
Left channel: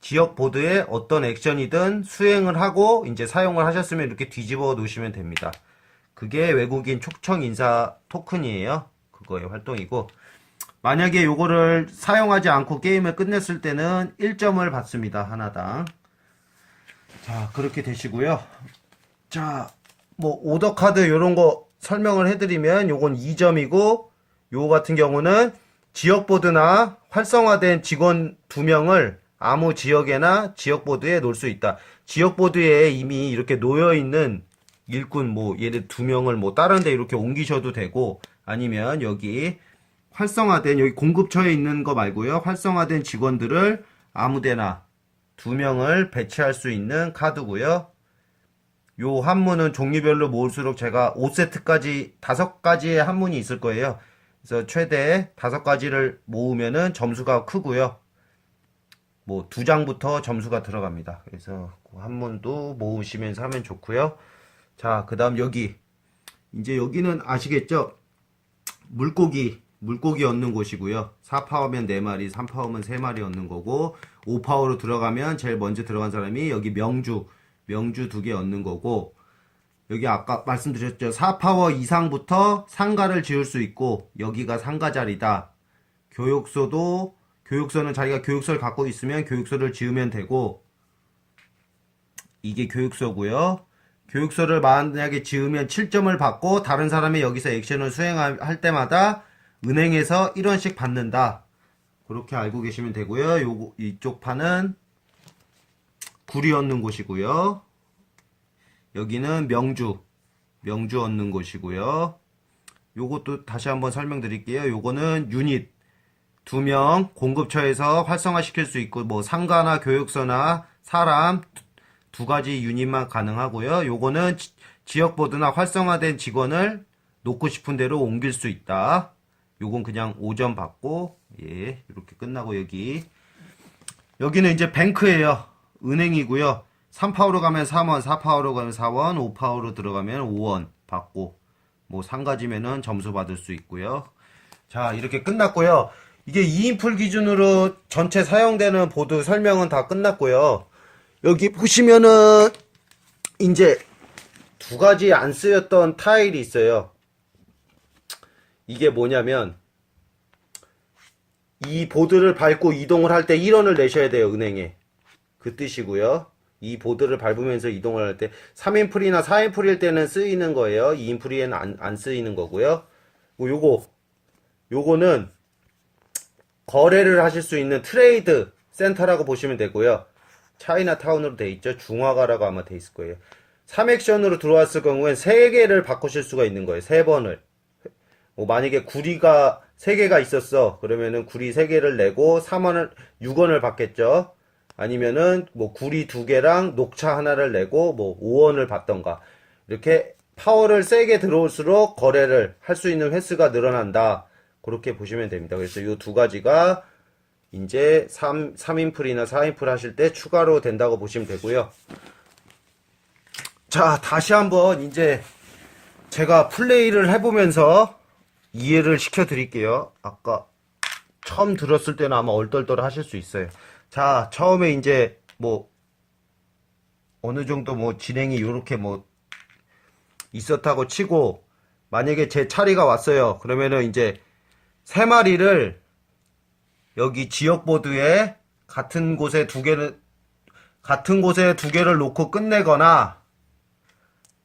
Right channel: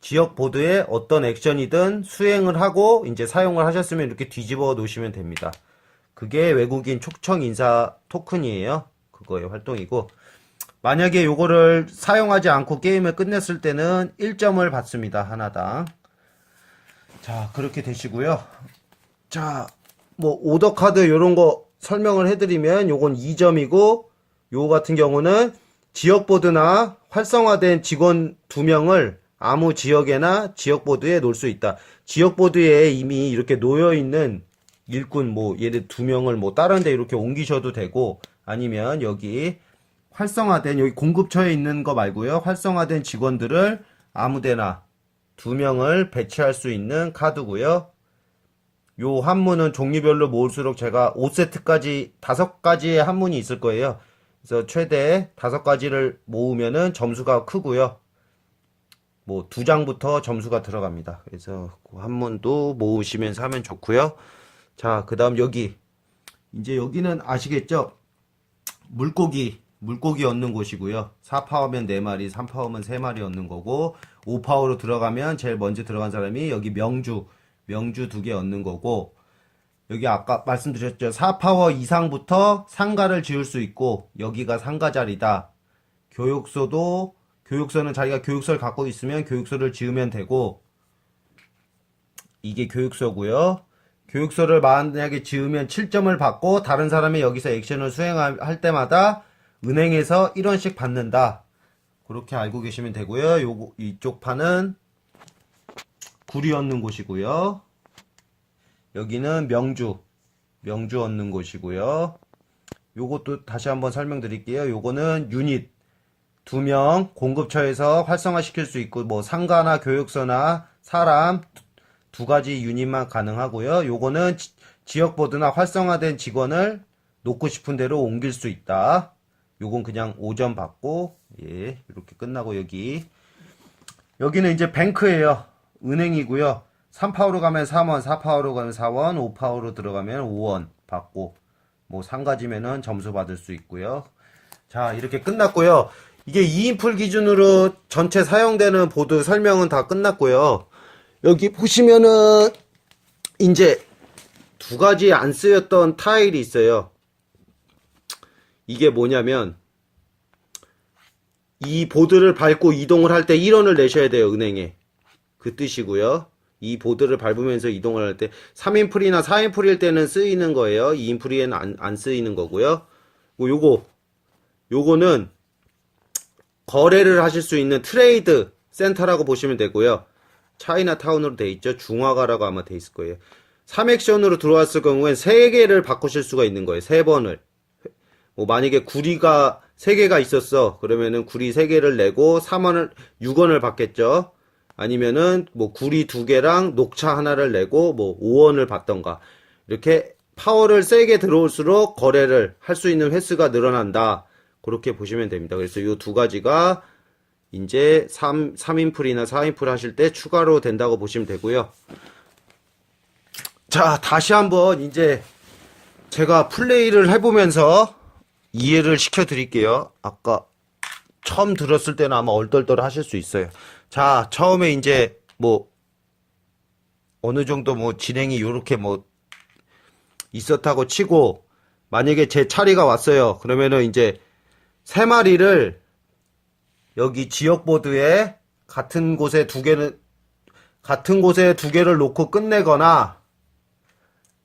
지역 보드에 어떤 액션이든 수행을 하고 이제 사용을 하셨으면 이렇게 뒤집어 놓으시면 됩니다. 그게 외국인 초청 인사 토큰이에요. 그거의 활동이고, 만약에 요거를 사용하지 않고 게임을 끝냈을 때는 1점을 받습니다. 하나당. 자, 그렇게 되시고요. 자, 뭐 오더 카드 요런 거 설명을 해드리면 요건 2점이고, 요거 같은 경우는 지역보드나 활성화된 직원 2명을 아무 지역에나 지역보드에 놓을 수 있다. 지역보드에 이미 이렇게 놓여있는 일꾼, 뭐 예를 2명을 뭐 다른 데 이렇게 옮기셔도 되고, 아니면 여기 활성화된, 여기 공급처에 있는 거 말고요, 활성화된 직원들을 아무데나 2명을 배치할 수 있는 카드고요. 요 한문은 종류별로 모을수록 제가 5세트까지 5가지의 한문이 있을 거예요. 그래서 최대 5가지를 모으면은 점수가 크고요. 뭐 2장부터 점수가 들어갑니다. 그래서 그 한문도 모으시면서 하면 좋고요. 자, 그 다음 여기 이제 여기는 아시겠죠? 물고기 얻는 곳이고요. 4파워면 4마리, 3파워면 3마리 얻는 거고, 5파워로 들어가면 제일 먼저 들어간 사람이 여기 명주 2개 얻는 거고, 여기 아까 말씀드렸죠. 4파워 이상부터 상가를 지을 수 있고, 여기가 상가 자리다. 교육소는 자기가 교육소를 갖고 있으면 교육소를 지으면 되고, 이게 교육소고요. 교육소를 만약에 지으면 7점을 받고 다른 사람이 여기서 액션을 수행할 때마다 은행에서 1원씩 받는다. 그렇게 알고 계시면 되고요. 이쪽 판은 구리 얻는 곳이고요. 여기는 명주 얻는 곳이고요. 요것도 다시 한번 설명드릴게요. 요거는 유닛 2명 공급처에서 활성화시킬 수 있고, 뭐 상가나 교육소나 사람 2가지 유닛만 가능하고요. 요거는 지역보드나 활성화된 직원을 놓고 싶은 대로 옮길 수 있다. 요건 그냥 5점 받고, 예, 이렇게 끝나고, 여기는 이제 뱅크예요. 은행이고요. 3파워로 가면 3원, 4파워로 가면 4원, 5파워로 들어가면 5원 받고, 뭐 상가지면은 점수 받을 수 있고요. 자, 이렇게 끝났고요. 이게 2인풀 기준으로 전체 사용되는 보드 설명은 다 끝났고요. 여기 보시면은 이제 2가지 안 쓰였던 타일이 있어요. 이게 뭐냐면, 이 보드를 밟고 이동을 할 때 1원을 내셔야 돼요, 은행에. 그 뜻이고요. 이 보드를 밟으면서 이동을 할 때 3인풀이나 4인풀일 때는 쓰이는 거예요. 2인풀이에는 안 쓰이는 거고요. 요거는 거래를 하실 수 있는 트레이드 센터라고 보시면 되고요. 차이나타운으로 돼 있죠. 중화가라고 아마 돼 있을 거예요. 3액션으로 들어왔을 경우엔 3개를 바꾸실 수가 있는 거예요. 3번을. 뭐 만약에 구리가 3개가 있었어. 그러면은 구리 3개를 내고 6원을 받겠죠. 아니면은 뭐 구리 2개랑 녹차 하나를 내고 뭐 5원을 받던가. 이렇게 파워를 세게 들어올수록 거래를 할 수 있는 횟수가 늘어난다. 그렇게 보시면 됩니다. 그래서 이 두 가지가 이제 3인풀이나 4인풀 하실 때 추가로 된다고 보시면 되고요. 자, 다시 한번 이제 제가 플레이를 해보면서 이해를 시켜 드릴게요. 아까 처음 들었을 때는 아마 얼떨떨 하실 수 있어요. 자, 처음에 이제 뭐 어느 정도 뭐 진행이 요렇게 뭐 있었다고 치고, 만약에 제 차례가 왔어요. 그러면은 이제 3마리를 여기 지역보드에 같은 곳에 2개를 놓고 끝내거나,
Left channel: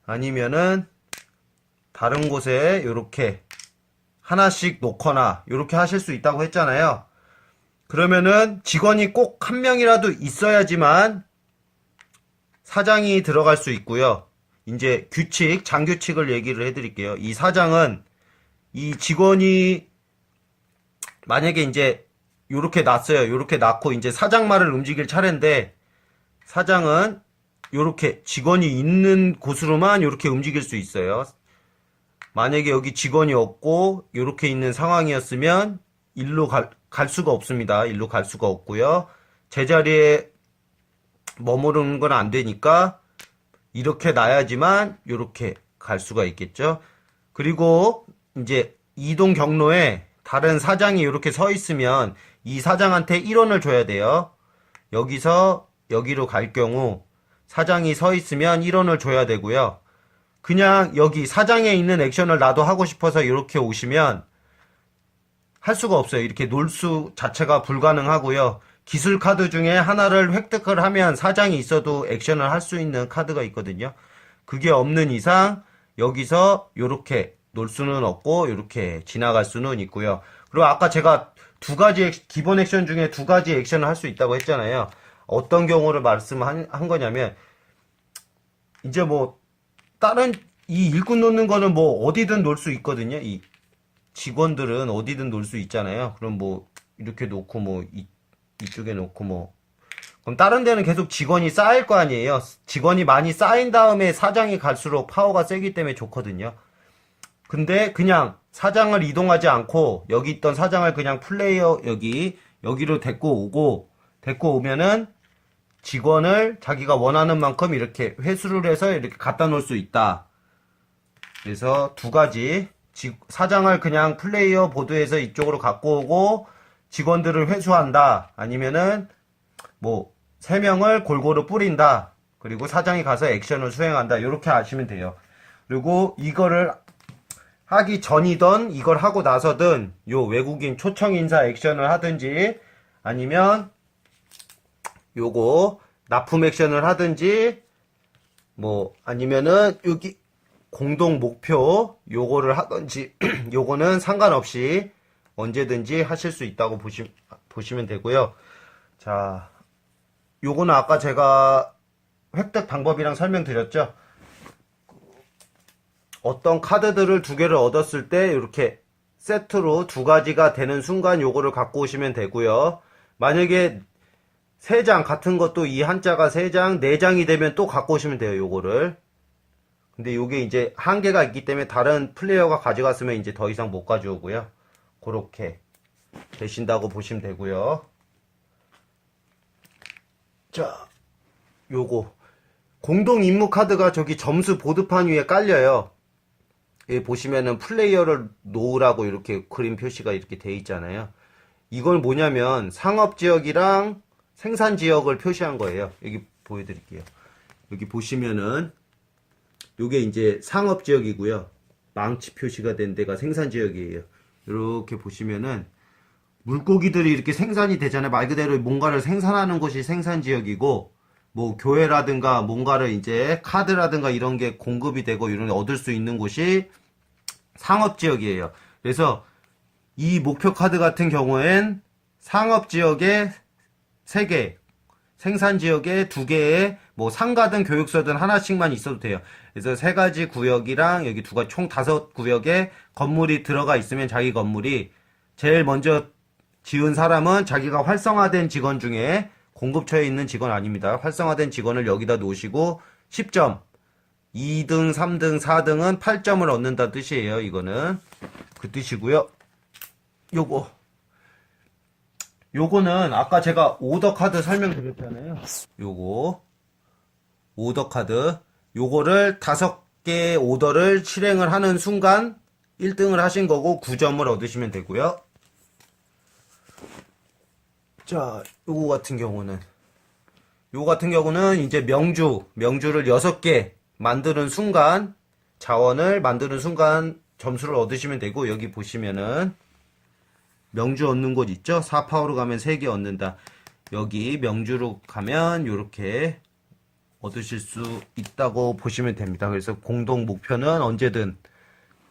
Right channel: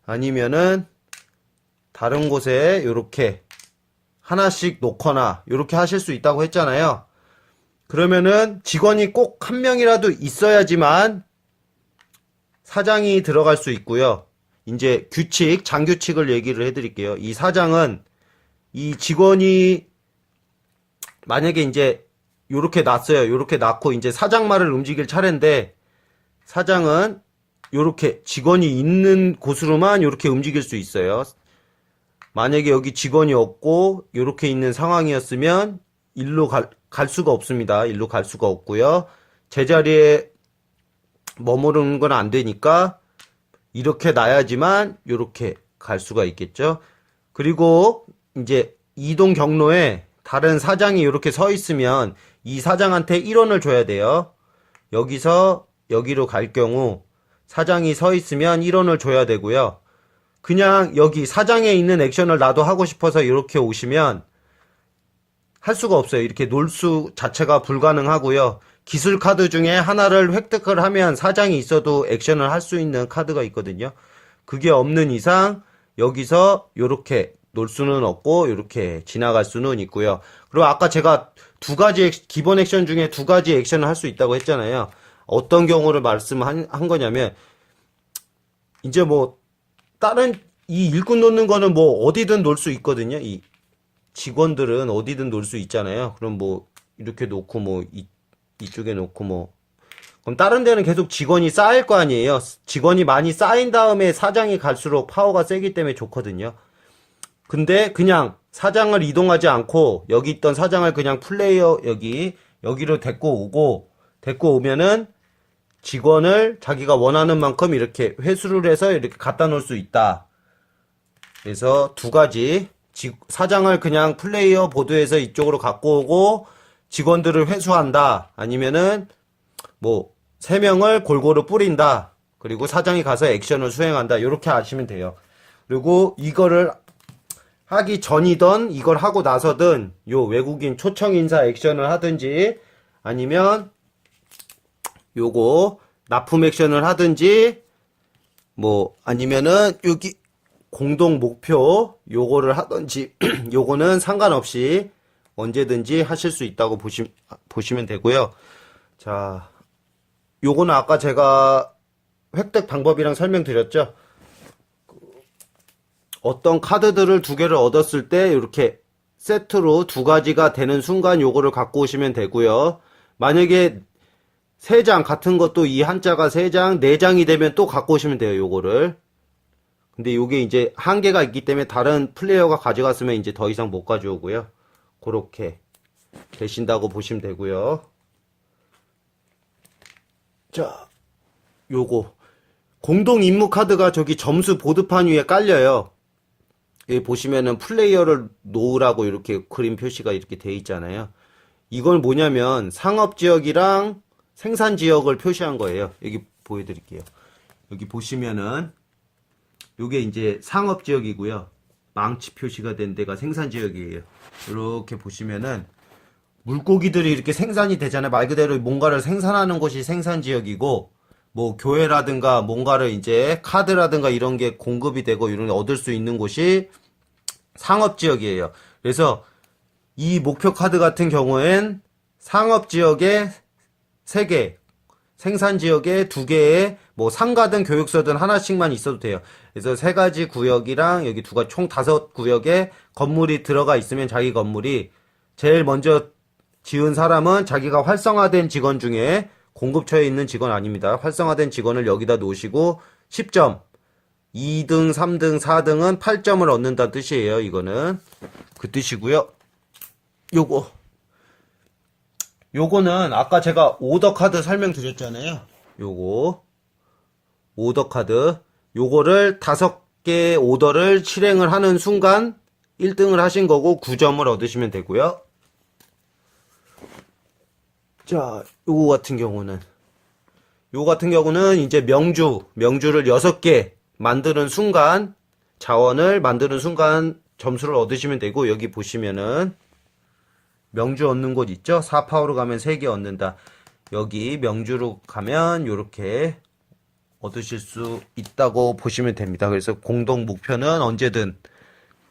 아니면은 다른 곳에 요렇게 하나씩 놓거나 요렇게 하실 수 있다고 했잖아요. 그러면은 직원이 꼭 한 명이라도 있어야지만 사장이 들어갈 수 있고요. 이제 장규칙을 얘기를 해드릴게요. 이 사장은 이 직원이 만약에 이제 요렇게 놨어요. 요렇게 놨고 이제 사장 말을 움직일 차례인데, 사장은 요렇게 직원이 있는 곳으로만 요렇게 움직일 수 있어요. 만약에 여기 직원이 없고 요렇게 있는 상황이었으면 일로 갈 수가 없습니다. 일로 갈 수가 없고요. 제자리에 머무르는 건 안 되니까 이렇게 놔야지만 요렇게 갈 수가 있겠죠. 그리고 이제 이동 경로에 다른 사장이 이렇게 서 있으면 이 사장한테 1원을 줘야 돼요. 여기서 여기로 갈 경우 사장이 서 있으면 1원을 줘야 되고요. 그냥 여기 사장에 있는 액션을 나도 하고 싶어서 이렇게 오시면 할 수가 없어요. 이렇게 놀 수 자체가 불가능하고요. 기술 카드 중에 하나를 획득을 하면 사장이 있어도 액션을 할 수 있는 카드가 있거든요. 그게 없는 이상 여기서 이렇게 놀 수는 없고 이렇게 지나갈 수는 있고요. 그리고 아까 제가 기본 액션 중에 2가지 액션을 할 수 있다고 했잖아요. 어떤 경우를 말씀한 거냐면, 이제 뭐 다른 이 일꾼 놓는 거는 뭐 어디든 놓을 수 있거든요. 이 직원들은 어디든 놓을 수 있잖아요. 그럼 뭐 이렇게 놓고 뭐 이쪽에 놓고 뭐, 그럼 다른 데는 계속 직원이 쌓일 거 아니에요. 직원이 많이 쌓인 다음에 사장이 갈수록 파워가 세기 때문에 좋거든요. 근데 그냥 사장을 이동하지 않고 여기 있던 사장을 그냥 플레이어 여기로 데리고 오면은 직원을 자기가 원하는 만큼 이렇게 회수를 해서 이렇게 갖다 놓을 수 있다. 그래서 2가지, 사장을 그냥 플레이어 보드에서 이쪽으로 갖고 오고 직원들을 회수한다. 아니면은 뭐 3명을 골고루 뿌린다. 그리고 사장이 가서 액션을 수행한다. 이렇게 아시면 돼요. 그리고 이거를 하기 전이든 이걸 하고 나서든 요 외국인 초청 인사 액션을 하든지, 아니면 요거 납품 액션을 하든지, 뭐 아니면은 여기 공동 목표 요거를 하든지 요거는 상관없이 언제든지 하실 수 있다고 보시면 되고요. 자, 요거는 아까 제가 획득 방법이랑 설명드렸죠. 어떤 카드들을 2개를 얻었을 때 이렇게 세트로 2가지가 되는 순간 요거를 갖고 오시면 되고요. 만약에 3장 같은 것도 이 한자가 3장, 4장이 되면 또 갖고 오시면 돼요. 요거를. 근데 요게 이제 한계가 있기 때문에 다른 플레이어가 가져갔으면 이제 더 이상 못 가져오고요. 그렇게 되신다고 보시면 되고요. 자, 요거 공동 임무 카드가 저기 점수 보드판 위에 깔려요. 여기 보시면은 플레이어를 놓으라고 이렇게 그림 표시가 이렇게 돼 있잖아요. 이건 뭐냐면 상업지역이랑 생산지역을 표시한 거예요. 여기 보여드릴게요. 여기 보시면은 요게 이제 상업지역이고요. 망치 표시가 된 데가 생산지역이에요. 이렇게 보시면은 물고기들이 이렇게 생산이 되잖아요. 말 그대로 뭔가를 생산하는 곳이 생산지역이고, 뭐 교회라든가 뭔가를 이제 카드라든가 이런 게 공급이 되고 이런 얻을 수 있는 곳이 상업지역이에요. 그래서 이 목표 카드 같은 경우엔 상업지역에 3개, 생산지역에 2개에 뭐 상가든 교육소든 하나씩만 있어도 돼요. 그래서 3가지 구역이랑 여기 총 5구역에 건물이 들어가 있으면 자기 건물이 제일 먼저 지은 사람은 자기가 활성화된 직원 중에 공급처에 있는 직원 아닙니다. 활성화된 직원을 여기다 놓으시고 10점. 2등, 3등, 4등은 8점을 얻는다는 뜻이에요. 이거는 그 뜻이고요. 요거는 아까 제가 오더 카드 설명드렸잖아요. 요거 오더 카드 요거를 5개 오더를 실행을 하는 순간 1등을 하신 거고 9점을 얻으시면 되고요. 자, 요거 같은 경우는 이제 명주를 6개 만드는 순간 자원을 만드는 순간 점수를 얻으시면 되고, 여기 보시면은 명주 얻는 곳 있죠? 4파워로 가면 3개 얻는다. 여기 명주로 가면 요렇게 얻으실 수 있다고 보시면 됩니다. 그래서 공동 목표는 언제든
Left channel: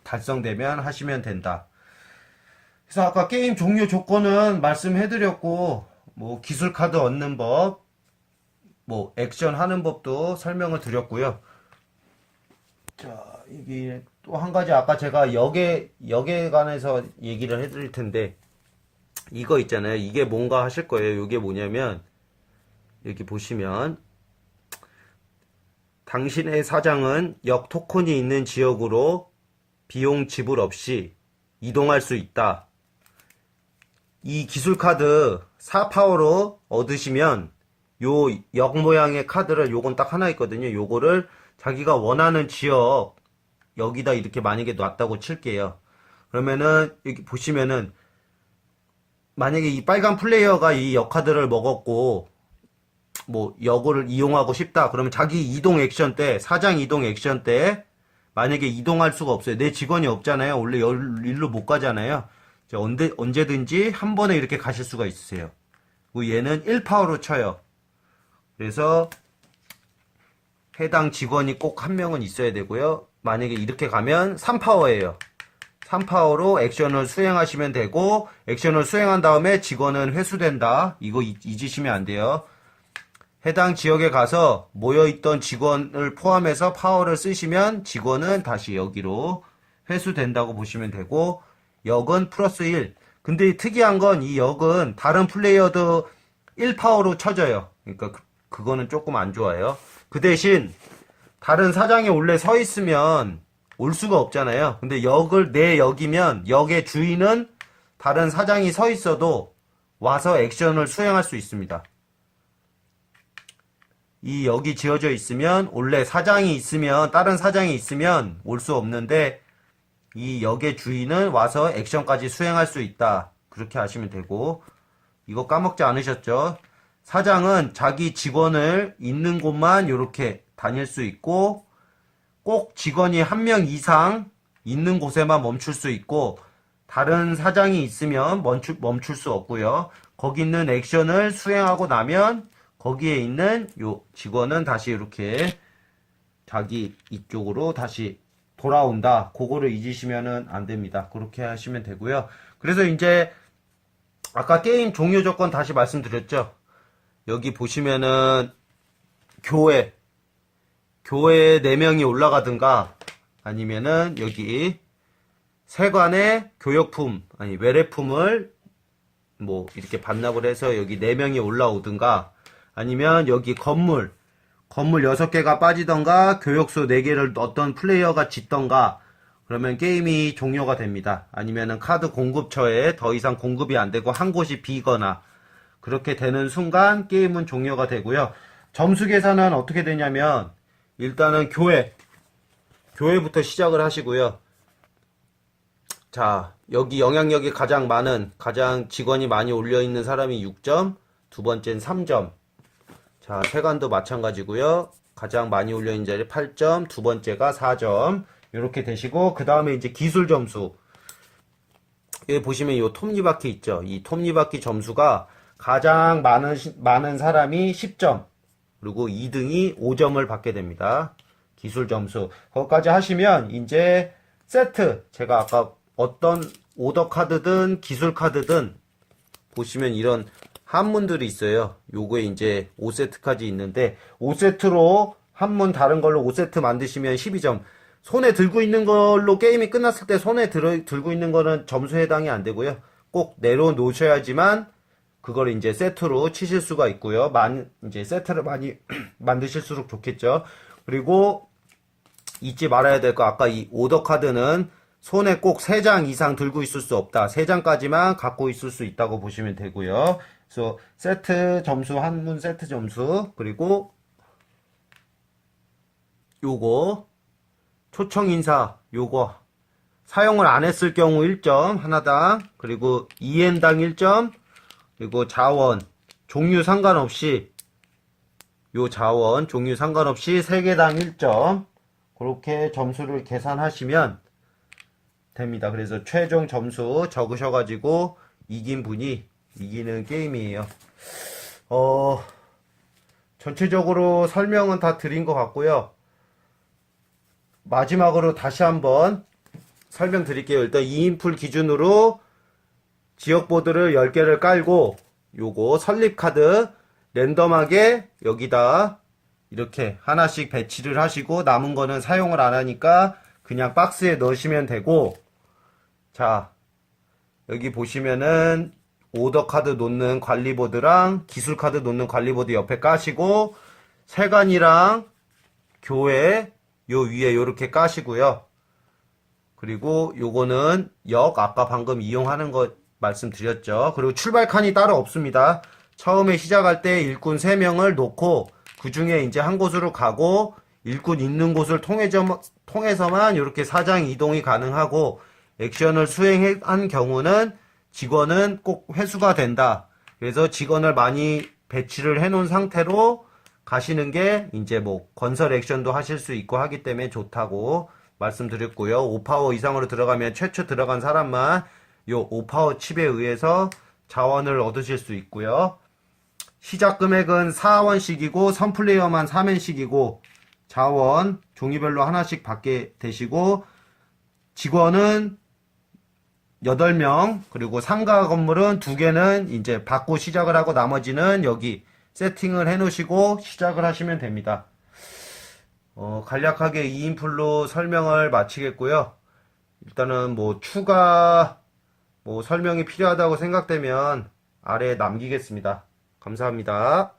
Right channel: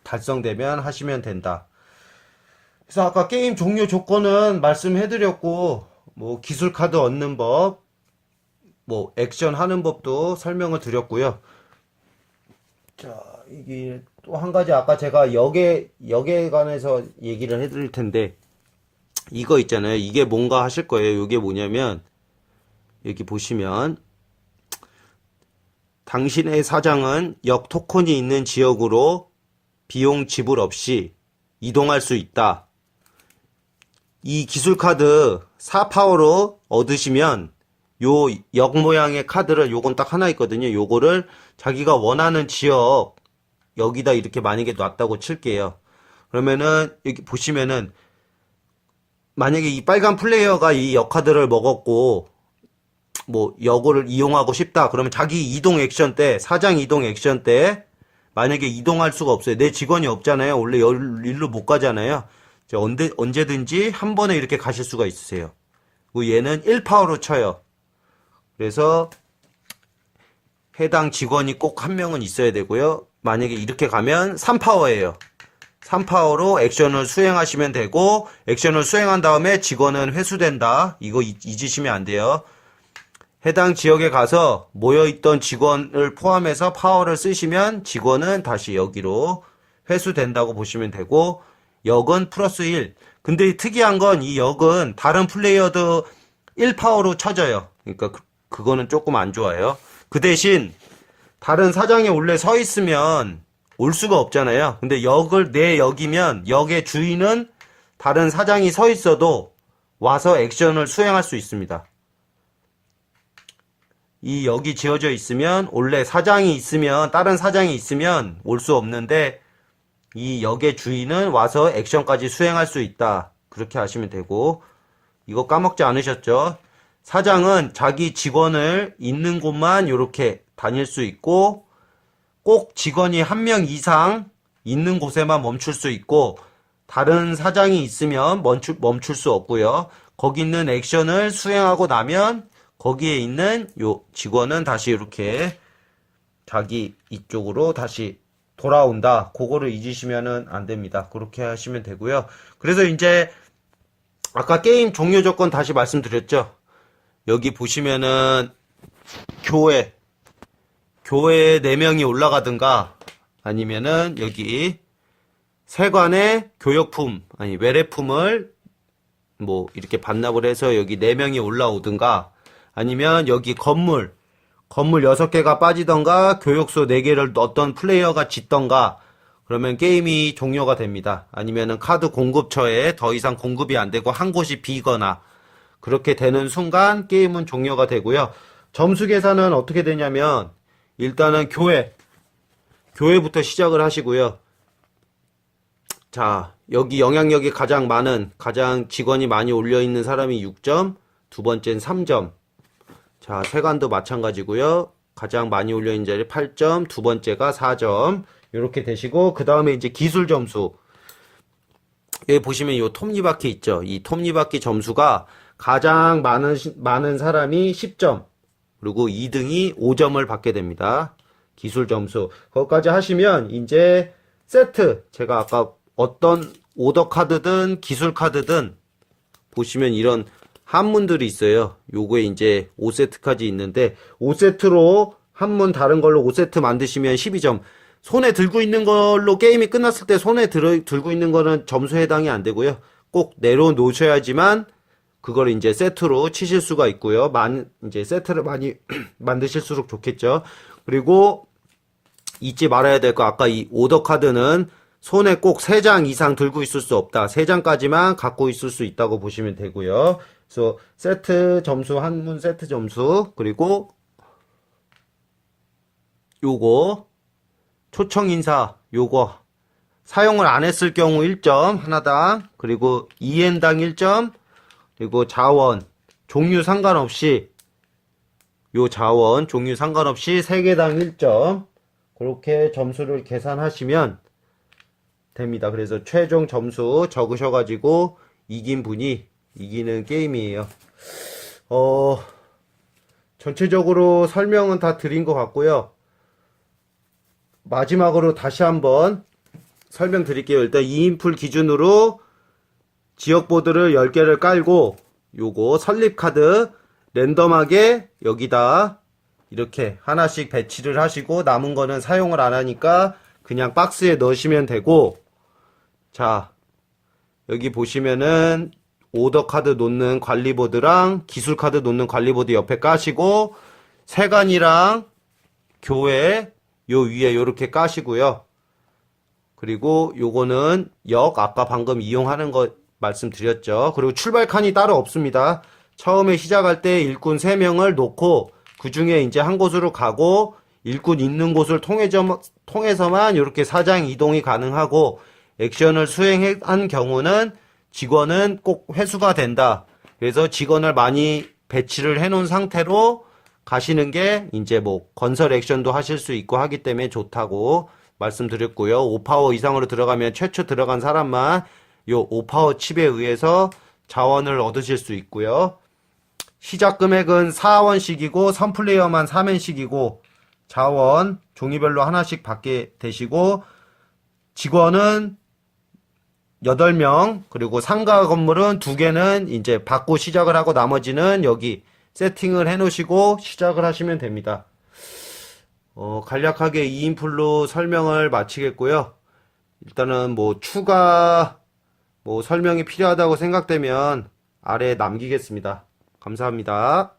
달성되면 하시면 된다. 그래서 아까 게임 종료 조건은 말씀해드렸고, 뭐 기술 카드 얻는 법, 뭐 액션 하는 법도 설명을 드렸고요. 자, 이게 또 한 가지 아까 제가 역에 관해서 얘기를 해드릴 텐데, 이거 있잖아요. 이게 뭔가 하실 거예요. 이게 뭐냐면 여기 보시면 당신의 사장은 역 토큰이 있는 지역으로 비용 지불 없이 이동할 수 있다. 이 기술 카드 4파워로 얻으시면 요 역 모양의 카드를, 요건 딱 하나 있거든요. 요거를 자기가 원하는 지역 여기다 이렇게 만약에 놨다고 칠게요. 그러면은 여기 보시면은 만약에 이 빨간 플레이어가 이 역 카드를 먹었고 뭐 역을 이용하고 싶다 그러면 자기 이동 액션 때, 사장 이동 액션 때 만약에 이동할 수가 없어요. 내 직원이 없잖아요. 원래 일로 못 가잖아요. 언제든지 한 번에 이렇게 가실 수가 있으세요. 그리고 얘는 1파워로 쳐요. 그래서 해당 직원이 꼭 한 명은 있어야 되고요. 만약에 이렇게 가면 3파워예요. 3파워로 액션을 수행하시면 되고, 액션을 수행한 다음에 직원은 회수된다. 이거 잊으시면 안 돼요. 해당 지역에 가서 모여있던 직원을 포함해서 파워를 쓰시면 직원은 다시 여기로 회수된다고 보시면 되고, 역은 플러스 1. 근데 특이한 건 이 역은 다른 플레이어도 1파워로 쳐져요. 그러니까 그거는 조금 안 좋아요. 그 대신 다른 사장이 원래 서 있으면 올 수가 없잖아요. 근데 내 역이면 역의 주인은 다른 사장이 서 있어도 와서 액션을 수행할 수 있습니다. 이 역이 지어져 있으면, 원래 사장이 있으면, 다른 사장이 있으면 올 수 없는데 이 역의 주인은 와서 액션까지 수행할 수 있다. 그렇게 하시면 되고, 이거 까먹지 않으셨죠? 사장은 자기 직원을 있는 곳만 이렇게 다닐 수 있고, 꼭 직원이 한 명 이상 있는 곳에만 멈출 수 있고, 다른 사장이 있으면 멈출 수 없고요. 거기 있는 액션을 수행하고 나면 거기에 있는 요 직원은 다시 이렇게 자기 이쪽으로 다시 돌아온다. 그거를 잊으시면은 안 됩니다. 그렇게 하시면 되고요. 그래서 이제 아까 게임 종료 조건 다시 말씀드렸죠. 여기 보시면은 교회에 4명이 올라가든가, 아니면은 여기 세관의 교역품, 아니 외래품을 뭐 이렇게 반납을 해서 여기 4명이 올라오든가, 아니면 여기 건물 6개가 빠지던가, 교육소 4개를 어떤 플레이어가 짓던가, 그러면 게임이 종료가 됩니다. 아니면은 카드 공급처에 더 이상 공급이 안 되고 한 곳이 비거나, 그렇게 되는 순간 게임은 종료가 되고요. 점수 계산은 어떻게 되냐면, 일단은 교회부터 시작을 하시고요. 자, 여기 영향력이 가장 직원이 많이 올려있는 사람이 6점, 두 번째는 3점. 자, 세관도 마찬가지고요. 가장 많이 올려있는 자리 8점, 두 번째가 4점. 이렇게 되시고, 그 다음에 이제 기술 점수. 여기 보시면 이 톱니바퀴 있죠? 이 톱니바퀴 점수가 가장 많은 사람이 10점, 그리고 2등이 5점을 받게 됩니다. 기술 점수. 거기까지 하시면 이제 세트, 제가 아까 어떤 오더 카드든 기술 카드든 보시면 이런 한문들이 있어요. 요거에 이제 5세트까지 있는데, 5세트로 한문 다른 걸로 5세트 만드시면 12점. 손에 들고 있는 걸로 게임이 끝났을 때 손에 들고 있는 거는 점수 해당이 안 되고요. 꼭 내려놓으셔야지만 그걸 이제 세트로 치실 수가 있고요. 이제 세트를 많이 만드실수록 좋겠죠. 그리고 잊지 말아야 될 거, 아까 이 오더 카드는 손에 꼭 3장 이상 들고 있을 수 없다. 3장까지만 갖고 있을 수 있다고 보시면 되고요. 그래서 세트 점수, 한문 세트 점수, 그리고 요거 초청 인사 요거 사용을 안 했을 경우 1점 하나당, 그리고 2엔당 1점, 그리고 자원 종류 상관없이 요 자원 종류 상관없이 3개당 1점, 그렇게 점수를 계산하시면 됩니다. 그래서 최종 점수 적으셔가지고 이긴 분이 이기는 게임이에요. 전체적으로 설명은 다 드린 것 같고요. 마지막으로 다시 한번 설명드릴게요. 일단 2인풀 기준으로 지역보드를 10개를 깔고 요거 설립카드 랜덤하게 여기다 이렇게 하나씩 배치를 하시고, 남은 거는 사용을 안 하니까 그냥 박스에 넣으시면 되고, 자 여기 보시면은 오더 카드 놓는 관리보드랑 기술 카드 놓는 관리보드 옆에 까시고, 세간이랑 교회 요 위에 요렇게 까시고요. 그리고 요거는 아까 방금 이용하는 거 말씀드렸죠. 그리고 출발 칸이 따로 없습니다. 처음에 시작할 때 일꾼 3명을 놓고 그 중에 이제 한 곳으로 가고, 일꾼 있는 곳을 통해서만 이렇게 사장 이동이 가능하고, 액션을 수행한 경우는 직원은 꼭 회수가 된다. 그래서 직원을 많이 배치를 해 놓은 상태로 가시는 게 이제 뭐 건설 액션도 하실 수 있고 하기 때문에 좋다고 말씀드렸고요. 5파워 이상으로 들어가면 최초 들어간 사람만 요 5파워 칩에 의해서 자원을 얻으실 수 있고요. 시작 금액은 4원씩이고 선플레이어만 3원씩이고 자원 종류별로 하나씩 받게 되시고, 직원은 8명, 그리고 상가 건물은 2개는 이제 받고 시작을 하고 나머지는 여기 세팅을 해 놓으시고 시작을 하시면 됩니다. 간략하게 2인풀로 설명을 마치겠고요. 일단은 뭐 추가 설명이 필요하다고 생각되면 아래에 남기겠습니다. 감사합니다.